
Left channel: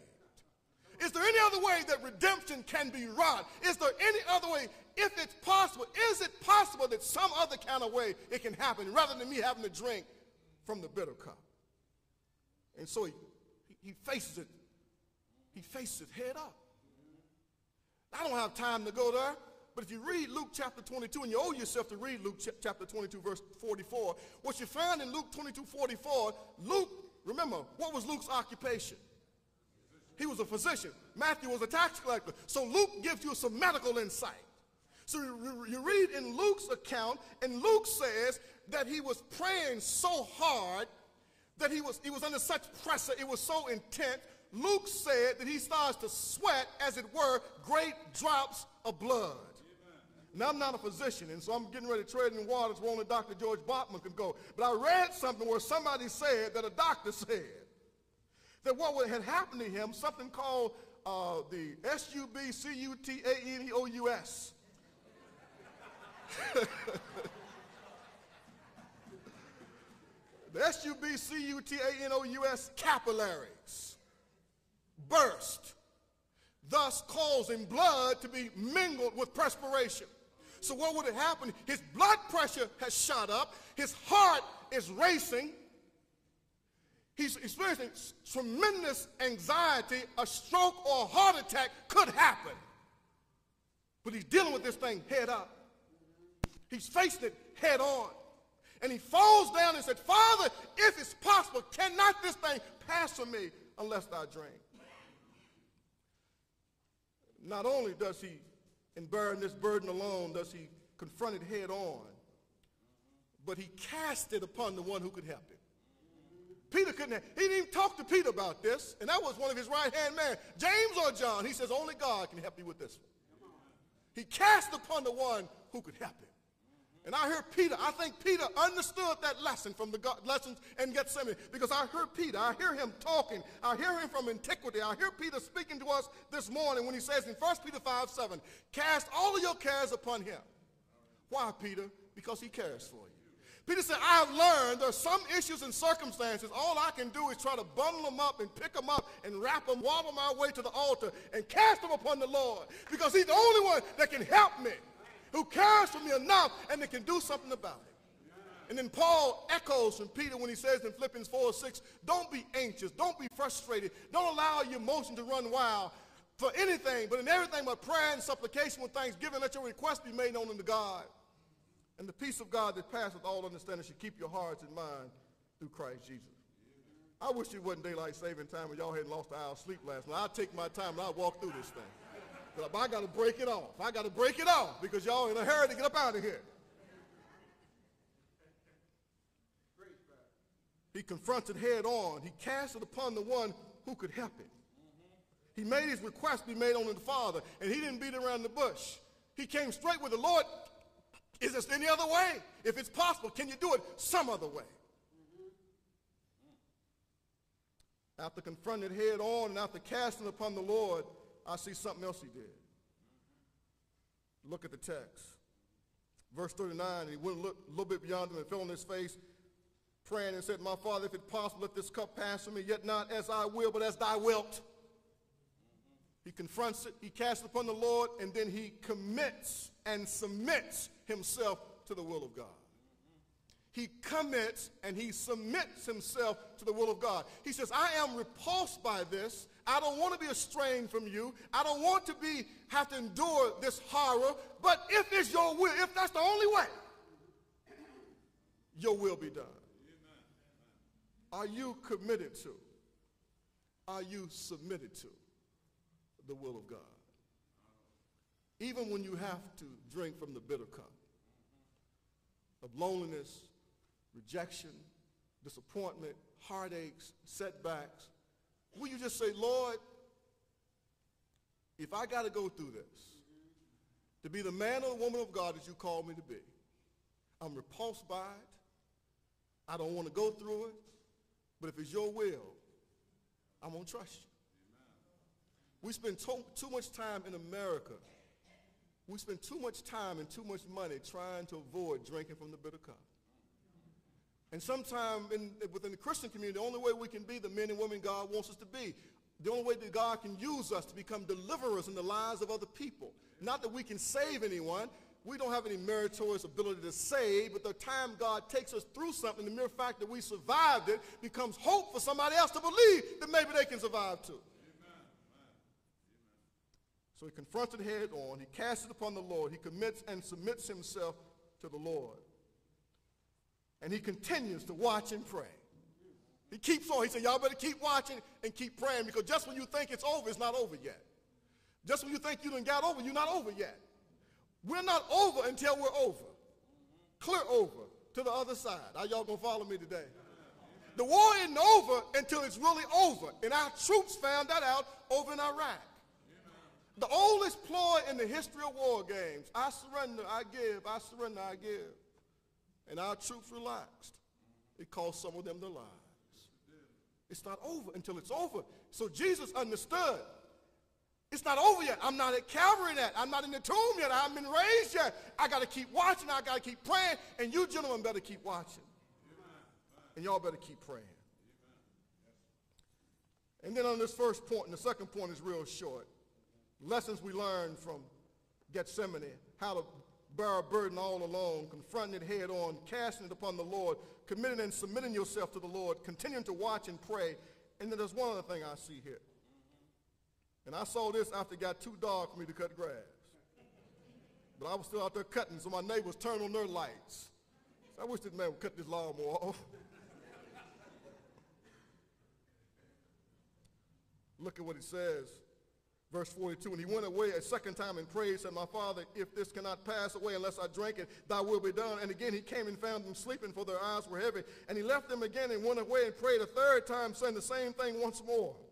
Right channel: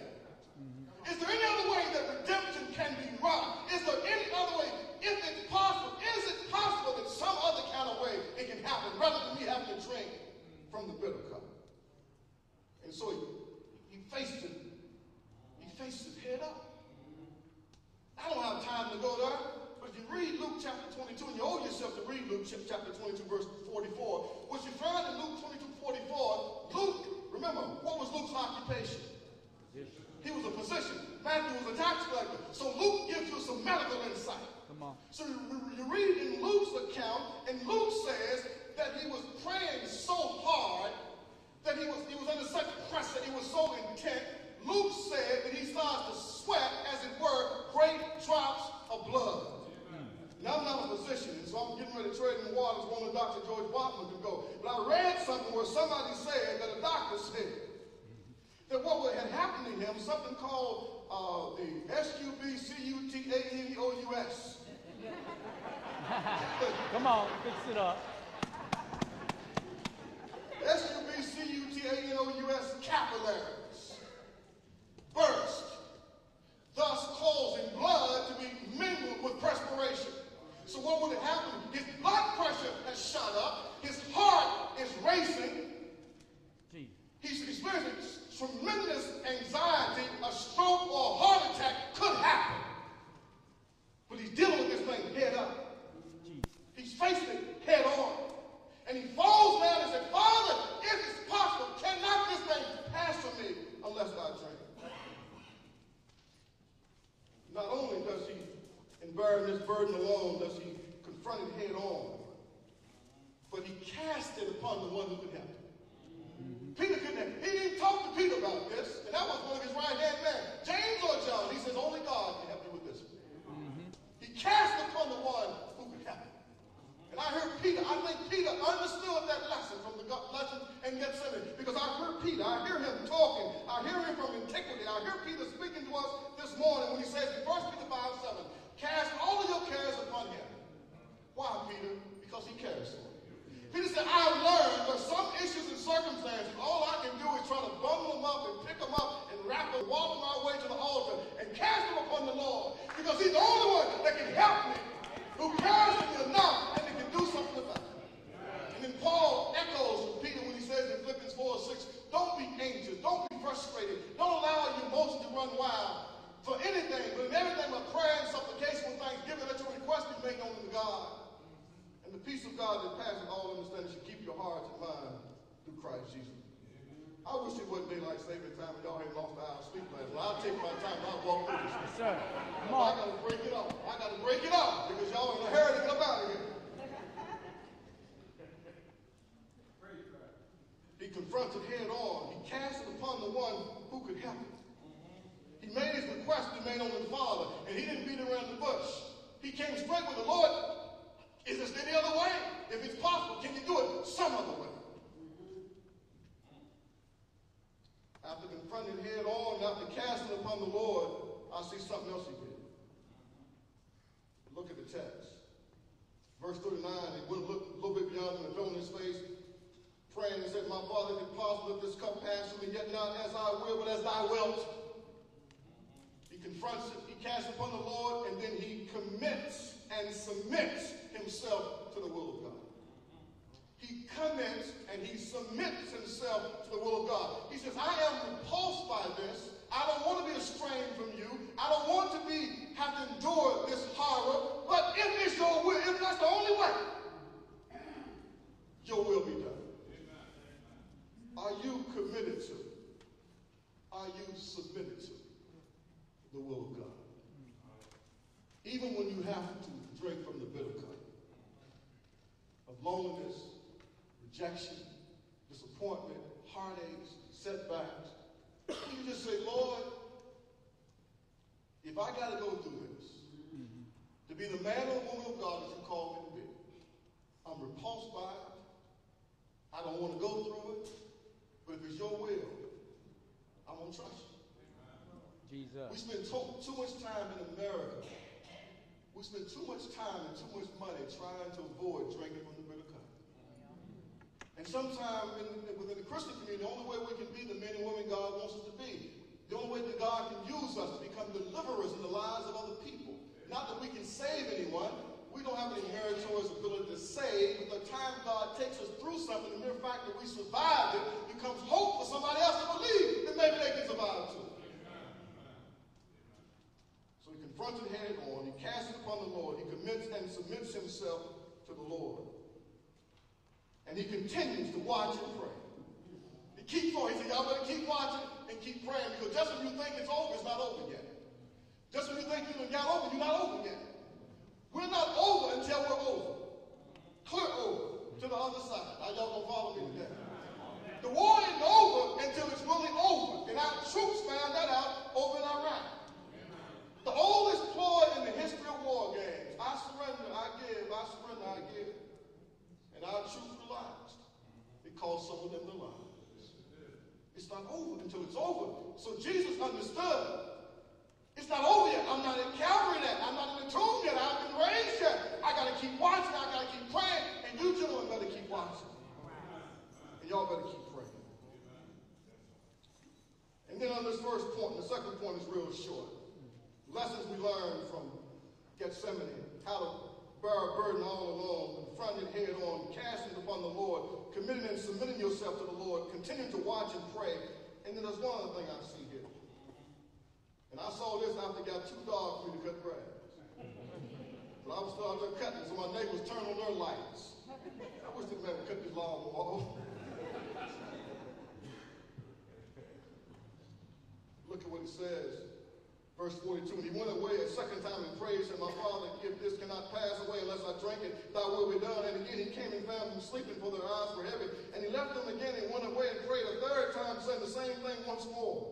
Is there any other way that redemption can be wrought? Is there any other way? If it's possible, is it possible that some other kind of way it can happen rather than me having to drink from the bitter cup? And so he faced it. He faced it head up. I don't have time to go there, but if you read Luke chapter 22, and you owe yourself to read Luke chapter 22, verse 44, what you find in Luke 22:44, Luke, remember, what was Luke's occupation? He was a physician. Matthew was a tax collector. So Luke gives you some medical insight. Come on. So you read in Luke's account, and Luke says that he was praying so hard that he was under such pressure, it was so intense. Luke said that he starts to sweat, as it were, great drops of blood. Now, I'm not a physician, and so I'm getting ready to tread in waters where only Dr. George Bachman could go. But I read something where somebody said that a doctor said that what had happened to him, something called the SUBCUTANEOUS. Come on, fix it up. The SUBCUTANEOUS capillaries burst, thus causing blood to be mingled with perspiration. So what would have happened? His blood pressure has shot up, his heart is racing, he's experiencing tremendous anxiety, a stroke or a heart attack could happen. But he's dealing with this thing head up. He's faced it head on. And he falls down and said, Father, if it's possible, cannot this thing pass from me unless I drink? Not only does he, in bearing this burden alone, does he confront it head on, but he cast it upon the one who could help him. Peter couldn't. He didn't even talk to Peter about this, and that was one of his right-hand men. James or John, he says, only God can help you with this. He cast upon the one who could help him. And I heard Peter, I think Peter understood that lesson from the lesson in Gethsemane, because I heard Peter, I hear him talking, I hear him from antiquity, I hear Peter speaking to us this morning when he says in 1 Peter 5:7, cast all of your cares upon him. Why, Peter? Because he cares for you. Peter said, I've learned there's some issues and circumstances, all I can do is try to bundle them up and pick them up and wrap them, walk my way to the altar and cast them upon the Lord, because he's the only one that can help me, who cares for me enough and that can do something about it. And then Paul echoes from Peter when he says in Philippians 4:6, don't be anxious, don't be frustrated, don't allow your emotions to run wild. for anything, but in everything by prayer and supplication with thanksgiving, let your request be made known unto God. And the peace of God that passes all understanding should keep your hearts and minds through Christ Jesus. I wish it wasn't daylight saving time when y'all had lost an hour's sleep last night. I'll take my time and I'll walk through this. Sir. I got to break it off. I got to break it off because y'all in a hurry to get up out of here. He confronted head on. He cast it upon the one who could help him. He made his request be made unto the Father, and he didn't beat around the bush. He came straight with the Lord. Is there any other way? If it's possible, can you do it some other way? After confronting head on and after casting upon the Lord, I see something else he did. Look at the text. Verse 39, he went a little bit beyond him and fell on his face, praying and said, my Father, if it's possible, let this cup pass from me, yet not as I will, but as thy wilt. He confronts it, he casts it upon the Lord, and then he commits and submits himself to the will of God. He commits and he submits himself to the will of God. He says, I am repulsed by this. I don't want to be estranged from you. I don't want to have to endure this horror. But if it's your will, if that's the only way, your will be done. Are you committed to? Are you submitted to the will of God? Even when you have to drink from the bitter cup of loneliness, rejection, disappointment, heartaches, setbacks, will you just say, Lord, if I got to go through this, to be the man or the woman of God that you call me to be, I'm repulsed by it. I don't want to go through it. But if it's your will, I'm going to trust you. Jesus. We spend too much time in America. We spend too much time and too much money trying to avoid drinking from the bitter cup. And sometimes within the Christian community, the only way we can be the men and women God wants us to be, the only way that God can use us to become deliverers in the lives of other people. Not that we can save anyone. We don't have any meritorious ability to save, but the time God takes us through something, the mere fact that we survived it becomes hope for somebody else to believe that maybe they can survive too. So he confronted head on, he cast it upon the Lord, he commits and submits himself to the Lord. And he continues to watch and pray. He keeps on. He said, y'all better keep watching and keep praying, because just when you think it's over, it's not over yet. Just when you think you done got over, you're not over yet. We're not over until we're over. Clear over to the other side. Are y'all going to follow me today? The war isn't over until it's really over. And our troops found that out over in Iraq. The oldest ploy in the history of war games. I surrender, I give. I surrender, I give. And our troops relaxed. It cost some of them their lives. It's not over until it's over. So Jesus understood. It's not over yet. I'm not at Calvary yet. I'm not in the tomb yet. I haven't been raised yet. I got to keep watching. I got to keep praying. And you gentlemen better keep watching. And y'all better keep praying. And then on this first point, the second point is real short. Lessons we learned from Gethsemane. How to bear a burden all alone, confronting it head on, casting it upon the Lord, committing and submitting yourself to the Lord, continuing to watch and pray. And then there's one other thing I see here. And I saw this after it got too dark for me to cut grass. But I was still out there cutting, so my neighbors turned on their lights. I wish this man would cut this lawnmower off. Look at what it says. Verse 42, and he went away a second time and prayed, said, my Father, if this cannot pass away unless I drink it, thy will be done. And again he came and found them sleeping, for their eyes were heavy. And he left them again and went away and prayed a third time, saying the same thing once more.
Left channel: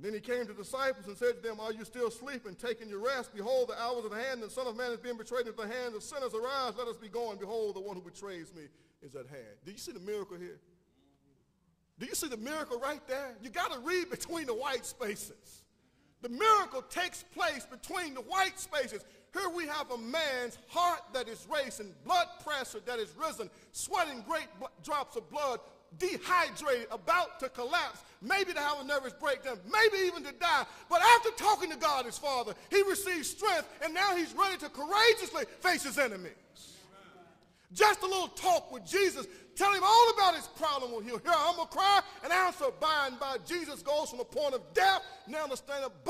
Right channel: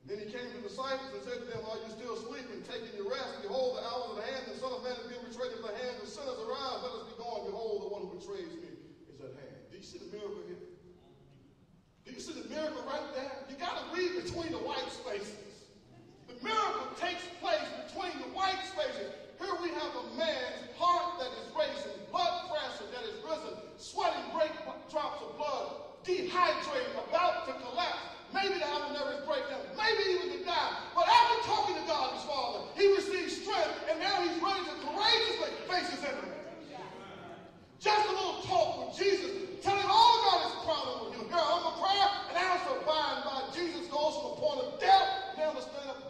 Then he came to the disciples and said to them, are you still sleeping, taking your rest? Behold, the hour of the hand, the Son of Man is being betrayed into the hands of sinners. Arise, let us be going. Behold, the one who betrays me is at hand. Do you see the miracle here? Do you see the miracle right there? You got to read between the white spaces. The miracle takes place between the white spaces. Here we have a man's heart that is racing, blood pressure that is risen, sweating great drops of blood, dehydrated, about to collapse. Maybe to have a nervous breakdown, maybe even to die. But after talking to God, his Father, he receives strength, and now he's ready to courageously face his enemies. Just a little talk with Jesus. Tell him all about his problem. He'll hear a humble prayer and answer by and by. Jesus goes from a point of doubt now to stand up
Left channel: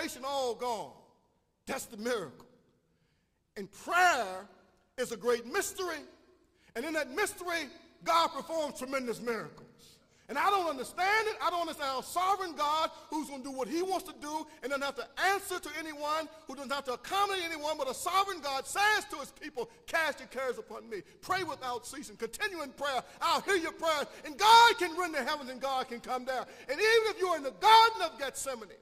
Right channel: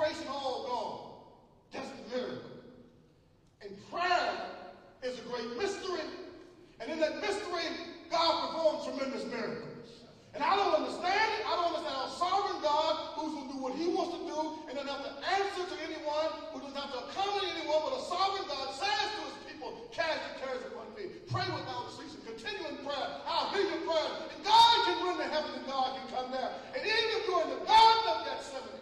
desperation all gone. That's the miracle. And prayer is a great mystery. And in that mystery, God performs tremendous miracles. And I don't understand it. I don't understand a sovereign God who's going to do what he wants to do and doesn't have to answer to anyone, who doesn't have to accommodate anyone, but a sovereign God says to his people, cast your cares upon me. Pray without ceasing. Continue in prayer. I'll hear your prayers. And God can run to heaven and God can come down. And even if you're in the Garden of Gethsemane,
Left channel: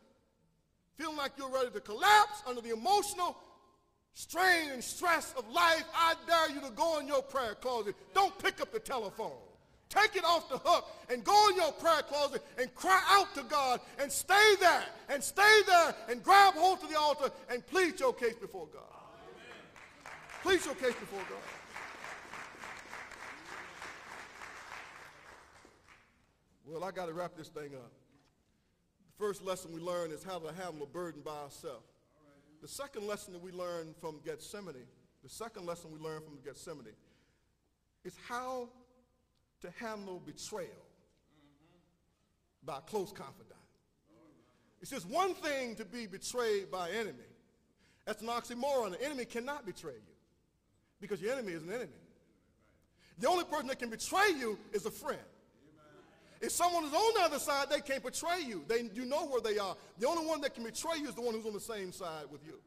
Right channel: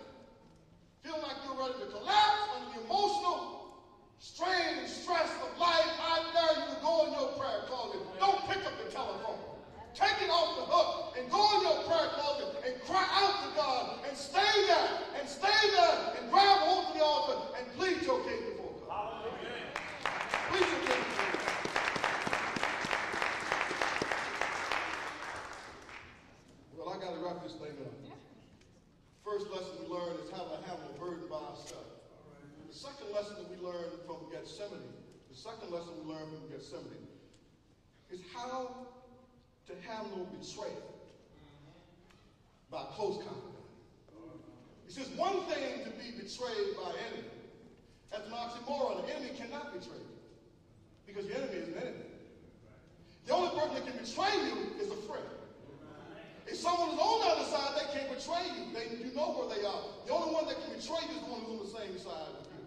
feeling like you're ready to collapse under the emotional strain and stress of life, I dare you to go in your prayer closet. Don't pick up the telephone. Take it off the hook and go in your prayer closet and cry out to God and stay there and grab hold of the altar and plead your case before God. Plead your case before God. Well, I got to wrap this thing up. First lesson we learn is how to handle a burden by ourselves. The second lesson that we learn from Gethsemane is how to handle betrayal by close confidant. It's just one thing to be betrayed by an enemy. That's an oxymoron. An enemy cannot betray you because your enemy is an enemy. The only person that can betray you is a friend. If someone is on the other side, they can't betray you. You know where they are. The only one that can betray you is the one who's on the same side with you.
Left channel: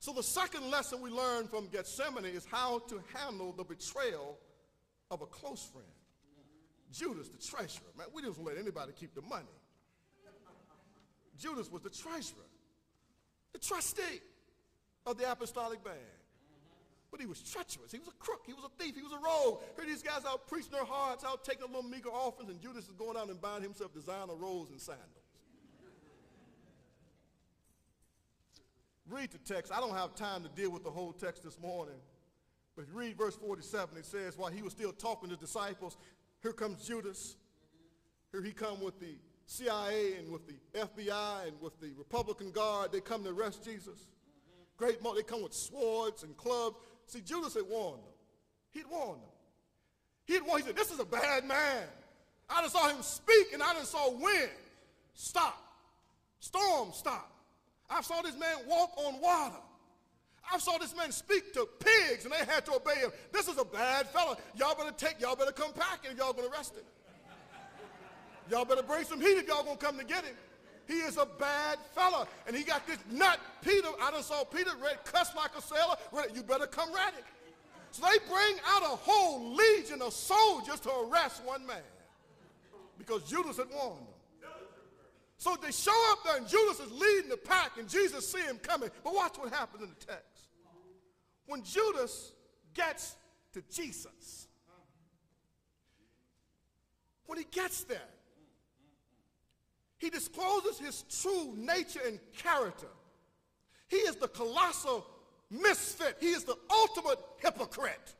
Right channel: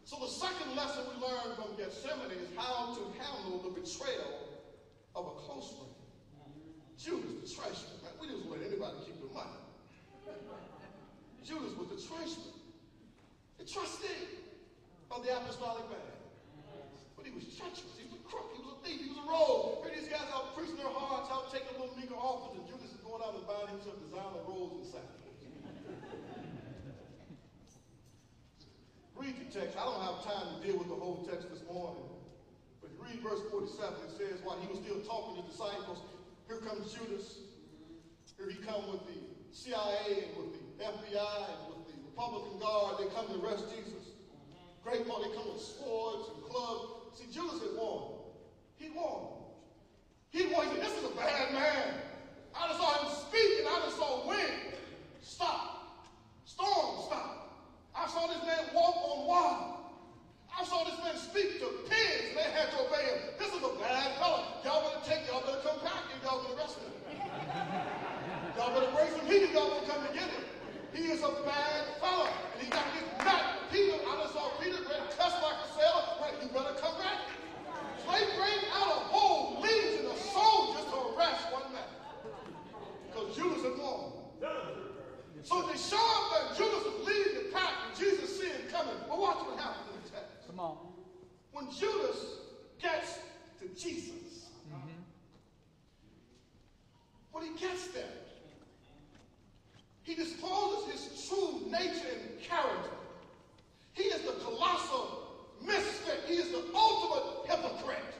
So the second lesson we learn from Gethsemane is how to handle the betrayal of a close friend. Judas the treasurer, man. We didn't let anybody keep the money. Judas was the treasurer, the trustee of the apostolic band. But he was treacherous. He was a crook. He was a thief. He was a rogue. Here these guys out preaching their hearts, out taking a little meager offerings, and Judas is going out and buying himself designer robes and sandals. Read the text. I don't have time to deal with the whole text this morning. But read verse 47. It says, while he was still talking to the disciples, here comes Judas. Here he comes with the CIA and with the FBI and with the Republican Guard. They come to arrest Jesus. Great money. They come with swords and clubs. See, Judas had won. He won. He won. This is a bad man. I just saw him speak and I just saw wind. Stop. Storm, stop. I saw this man walk on water. I saw this man speak to pigs, and they had to obey him. This is a bad fellow. Y'all better come back, and y'all better arrest him. Y'all better bring some heat, y'all gonna come to get him. He is a bad fellow, and he got this nut, Peter. I just saw Peter cuss like a sailor. You better come ready. So they bring out a whole legion of soldiers to arrest one man because Judas had won. So they show up there, and Judas is leading the pack, and Jesus see him coming. But watch what happens in the text. Come on. When Judas gets to Jesus, when he gets there, he discloses his true nature and character. He is the colossal misfit. He is the ultimate hypocrite.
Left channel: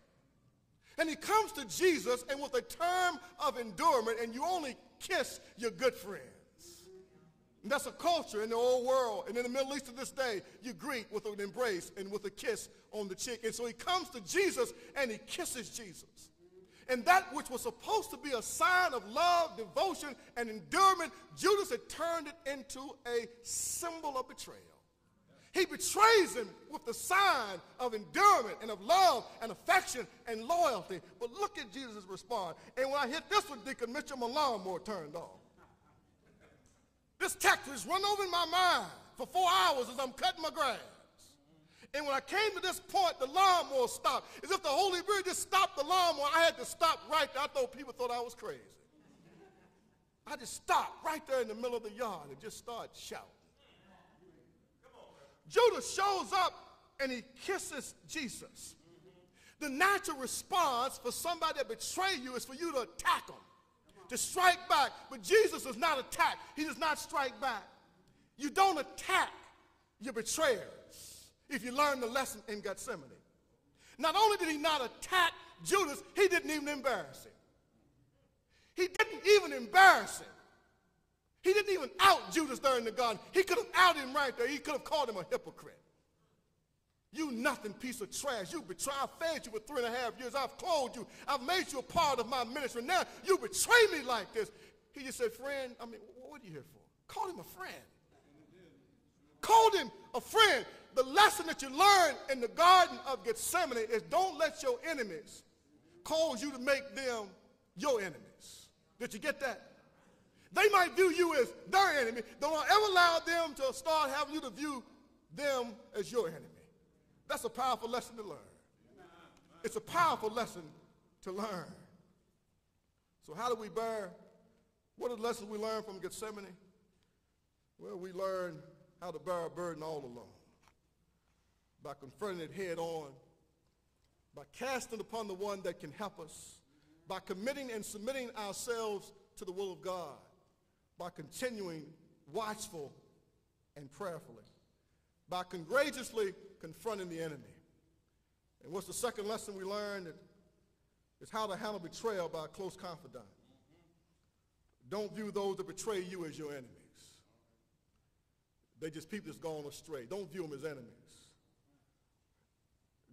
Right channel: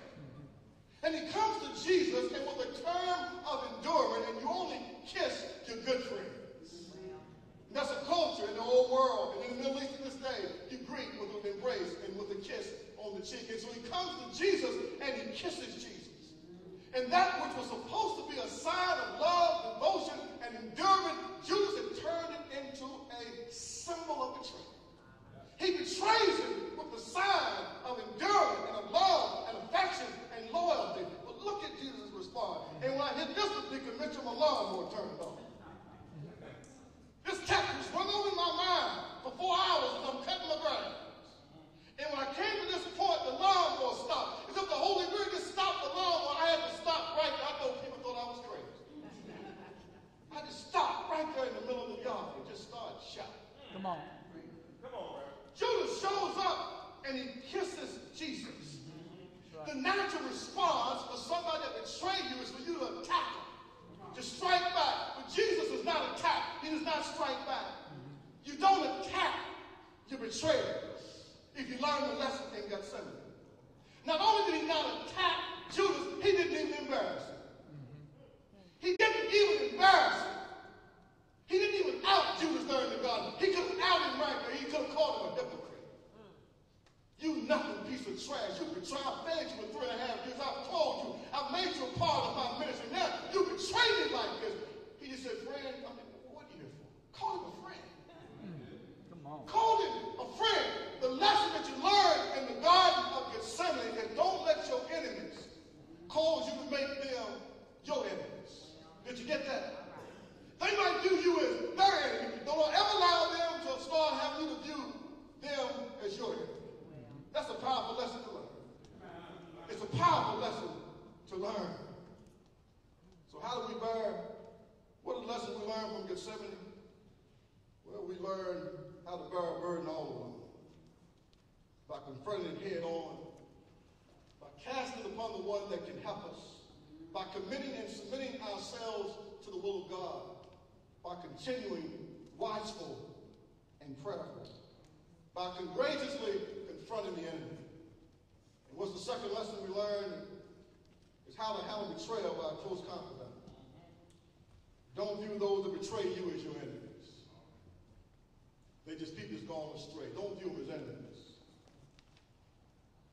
And he comes to Jesus, and with a term of endurance, and you only kiss your good friends. And that's a culture in the old world. And in the Middle East of this day, you greet with an embrace and with a kiss on the cheek. And so he comes to Jesus and he kisses Jesus. And that which was supposed to be a sign of love, devotion, and endurance, Judas had turned it into a symbol of betrayal. He betrays him with the sign of endurance and of love and affection and loyalty. But look at Jesus' response. And when I hit this one, Deacon Mitchell, my lawnmower turned off. This text has run over in my mind for 4 hours as I'm cutting my grass. And when I came to this point, the lawnmower stopped. As if the Holy Spirit just stopped the lawnmower. I had to stop right there. I thought people thought I was crazy. I just stopped right there in the middle of the yard and just started shouting. Come on. Come on, man. Judas shows up and he kisses Jesus. The natural response for somebody that betrayed you is for you to attack him. To strike back. But Jesus does not attack. He does not strike back. You don't attack your betrayers if you learn the lesson in Gethsemane. Not only did he not attack Judas, he didn't even embarrass him. He didn't even embarrass him. He didn't even out Judas there in the garden. He could have outed him right there. He could have called him a hypocrite. You nothing piece of trash. You betrayed. I fed you for 3.5 years. I've told you. I've made you a part of my ministry. Now you betray me like this. He just said, friend, what are you here for? Call him a friend. learn how to bear a burden all alone. By confronting it head on, by casting upon the one that can help us, by committing and submitting ourselves to the will of God, by continuing watchful and prayerful, by courageously confronting the enemy. And what's the second lesson we learned is how to handle betrayal by a close confidant. Don't view those that betray you as your enemies. They just people that's gone astray. Don't view them as enemies.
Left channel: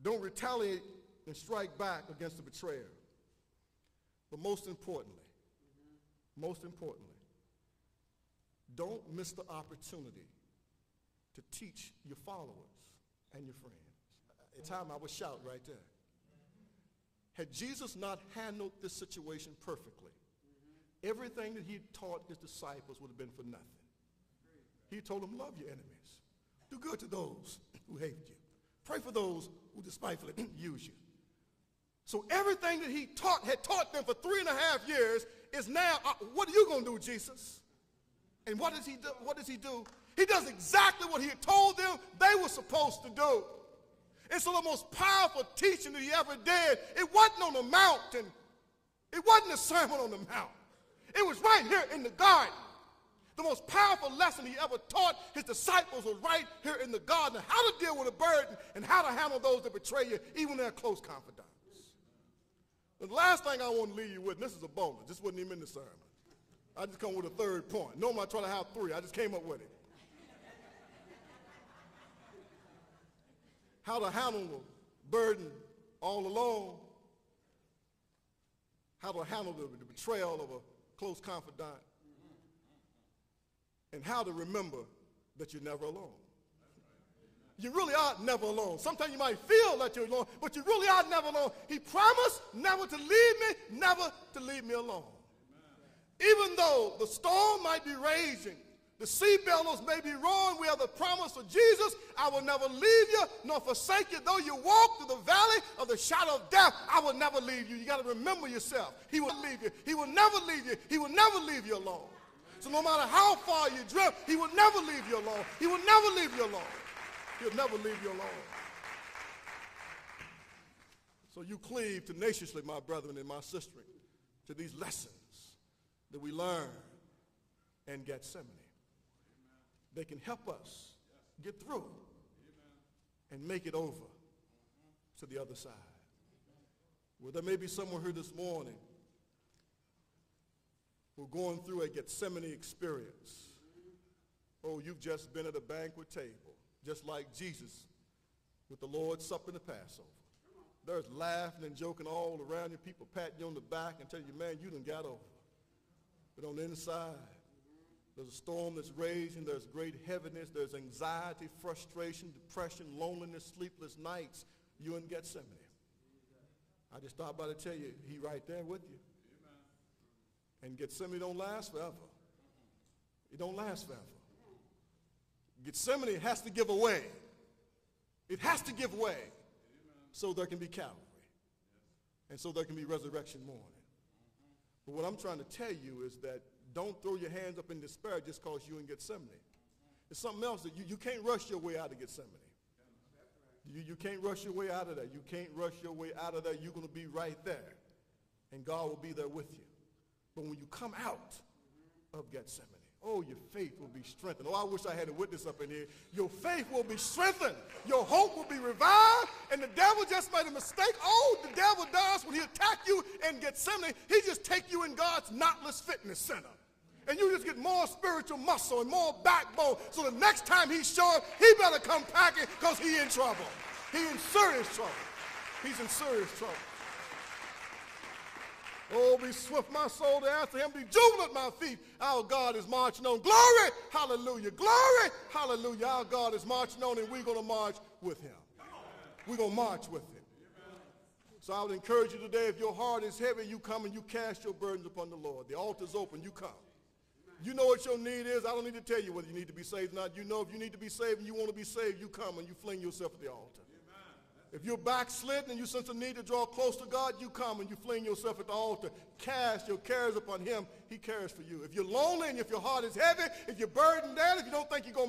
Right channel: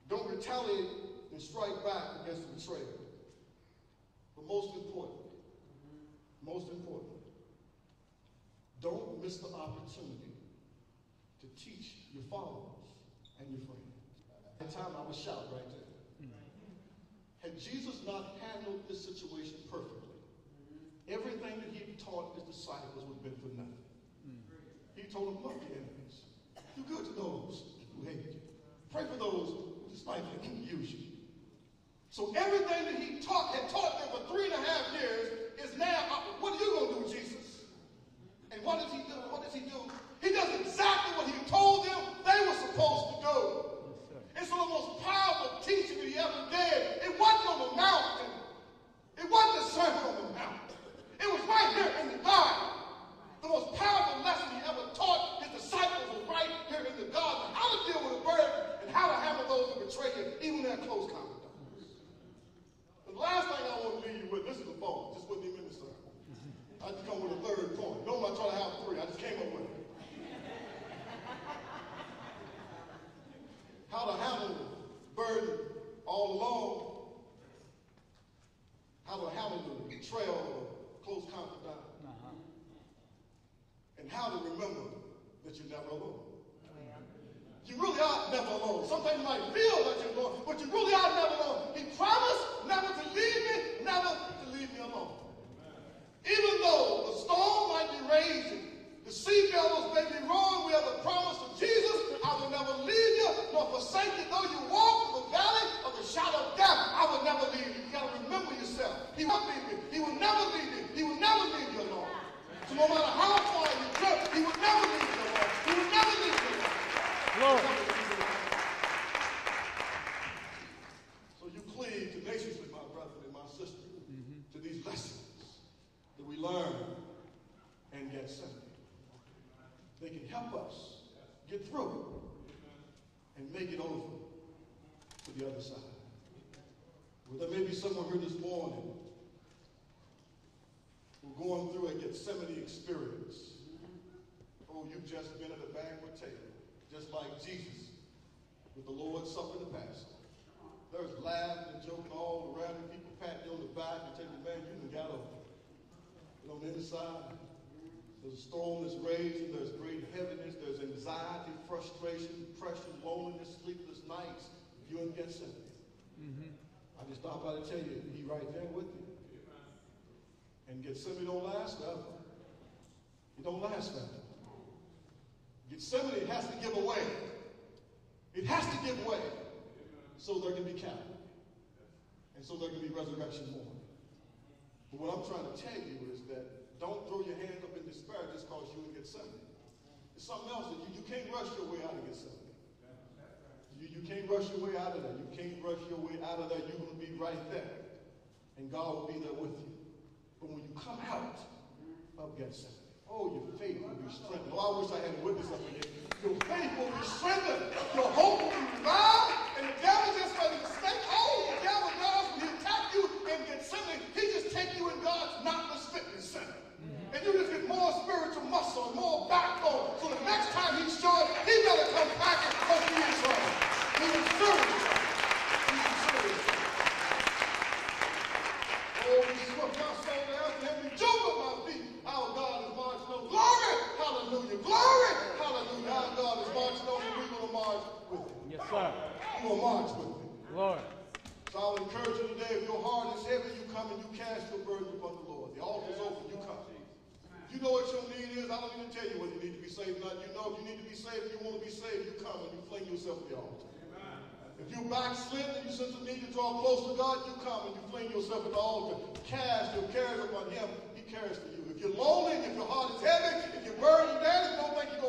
Don't retaliate and strike back against the betrayer. But most importantly, don't miss the opportunity to teach your followers and your friends. It's time I'm going to shout right there. Had Jesus not handled this situation perfectly, everything that he taught his disciples would have been for nothing. He told them, love your enemies. Do good to those who hate you. Pray for those who despitefully use you. So everything that he had taught them for 3.5 years is now, what are you going to do, Jesus? And what does he do? He does exactly what he told them they were supposed to do. It's the most powerful teaching that he ever did. It wasn't on the mountain. It wasn't a sermon on the mountain. It was right here in the garden. The most powerful lesson he ever taught his disciples was right here in the garden. How to deal with a burden and how to handle those that betray you, even their close confidants. The last thing I want to leave you with, this is a bumper. This wasn't even in the sermon. I just come with a third point. No, I'm trying to have 3. I just came up with it. How to handle burden all alone. How to handle the betrayal of a close confidant. And how to remember that you're never alone. You really are never alone. Sometimes you might feel that you're alone, but you really are never alone. He promised never to leave me, never to leave me alone. Even though the storm might be raging, the sea billows may be roaring, we have the promise of Jesus. I will never leave you nor forsake you. Though you walk through the valley of the shadow of death, I will never leave you. You got to remember yourself. He will leave you. He will never leave you. He will never leave you alone. So no matter how far you drift, he will never leave you alone. He will never leave you alone. He will never leave you alone. So you cleave tenaciously, my brethren and my sister, to these lessons that we learn in Gethsemane. They can help us get through and make it over to the other side. Well, there may be someone here this morning who's going through a Gethsemane experience. Oh, you've just been at a banquet table, just like Jesus with the Lord's Supper the Passover. There's laughing and joking all around you, people patting you on the back and telling you, man, you done got over. But on the inside, there's a storm that's raging, there's great heaviness, there's anxiety, frustration, depression, loneliness, sleepless nights. You in Gethsemane. I just thought about to tell you, he's right there with you. And Gethsemane don't last forever. It don't last forever. Gethsemane has to give away. It has to give way so there can be Calvary. And so there can be resurrection morning. But what I'm trying to tell you is that don't throw your hands up in despair just because you in Gethsemane. It's something else that you can't rush your way out of Gethsemane. You can't rush your way out of there. You can't rush your way out of there. You're going to be right there. And God will be there with you. But when you come out of Gethsemane, oh, your faith will be strengthened. Oh, I wish I had a witness up in here. Your faith will be strengthened. Your hope will be revived. And the devil just made a mistake. Oh, the devil does when he attack you in Gethsemane. He just take you in God's knotless fitness center. And you just get more spiritual muscle and more backbone. So the next time he's showing, he better come packing because he's in trouble. He's in serious trouble. He's in serious trouble. Oh, be swift my soul to after him. Be jubilant my feet. Our God is marching on. Glory! Hallelujah! Glory! Hallelujah! Our God is marching on and we're going to march with him. Yes, sir. We're going to march with him. Lord. So I'll encourage you today, if your heart is heavy, you come and you cast your burden upon the Lord. The altar's open, you come. You know what your need is. I don't need to tell you when you need to be saved. Now, you know if you need to be saved and you want to be saved, you come and you fling yourself at the altar. If you're backslidden and you sense a need to draw close to God, you come and you fling yourself at the altar. Cast your cares upon him. He cares for you. If you're lonely and if your heart is heavy, if you're burdened down, you don't think you're going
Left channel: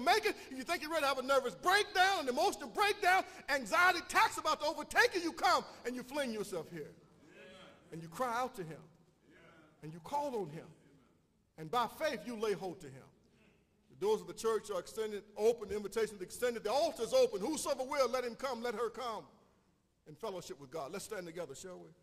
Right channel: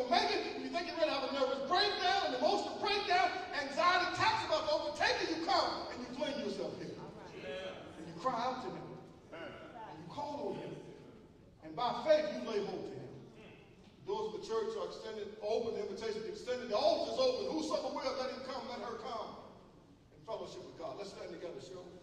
cry out to him. And you call on him. And by faith you lay hold to him. Doors of the church are extended, open, the invitation is extended, the altar is open. Whosoever will, let him come, let her come. In fellowship with God. Let's stand together, shall we?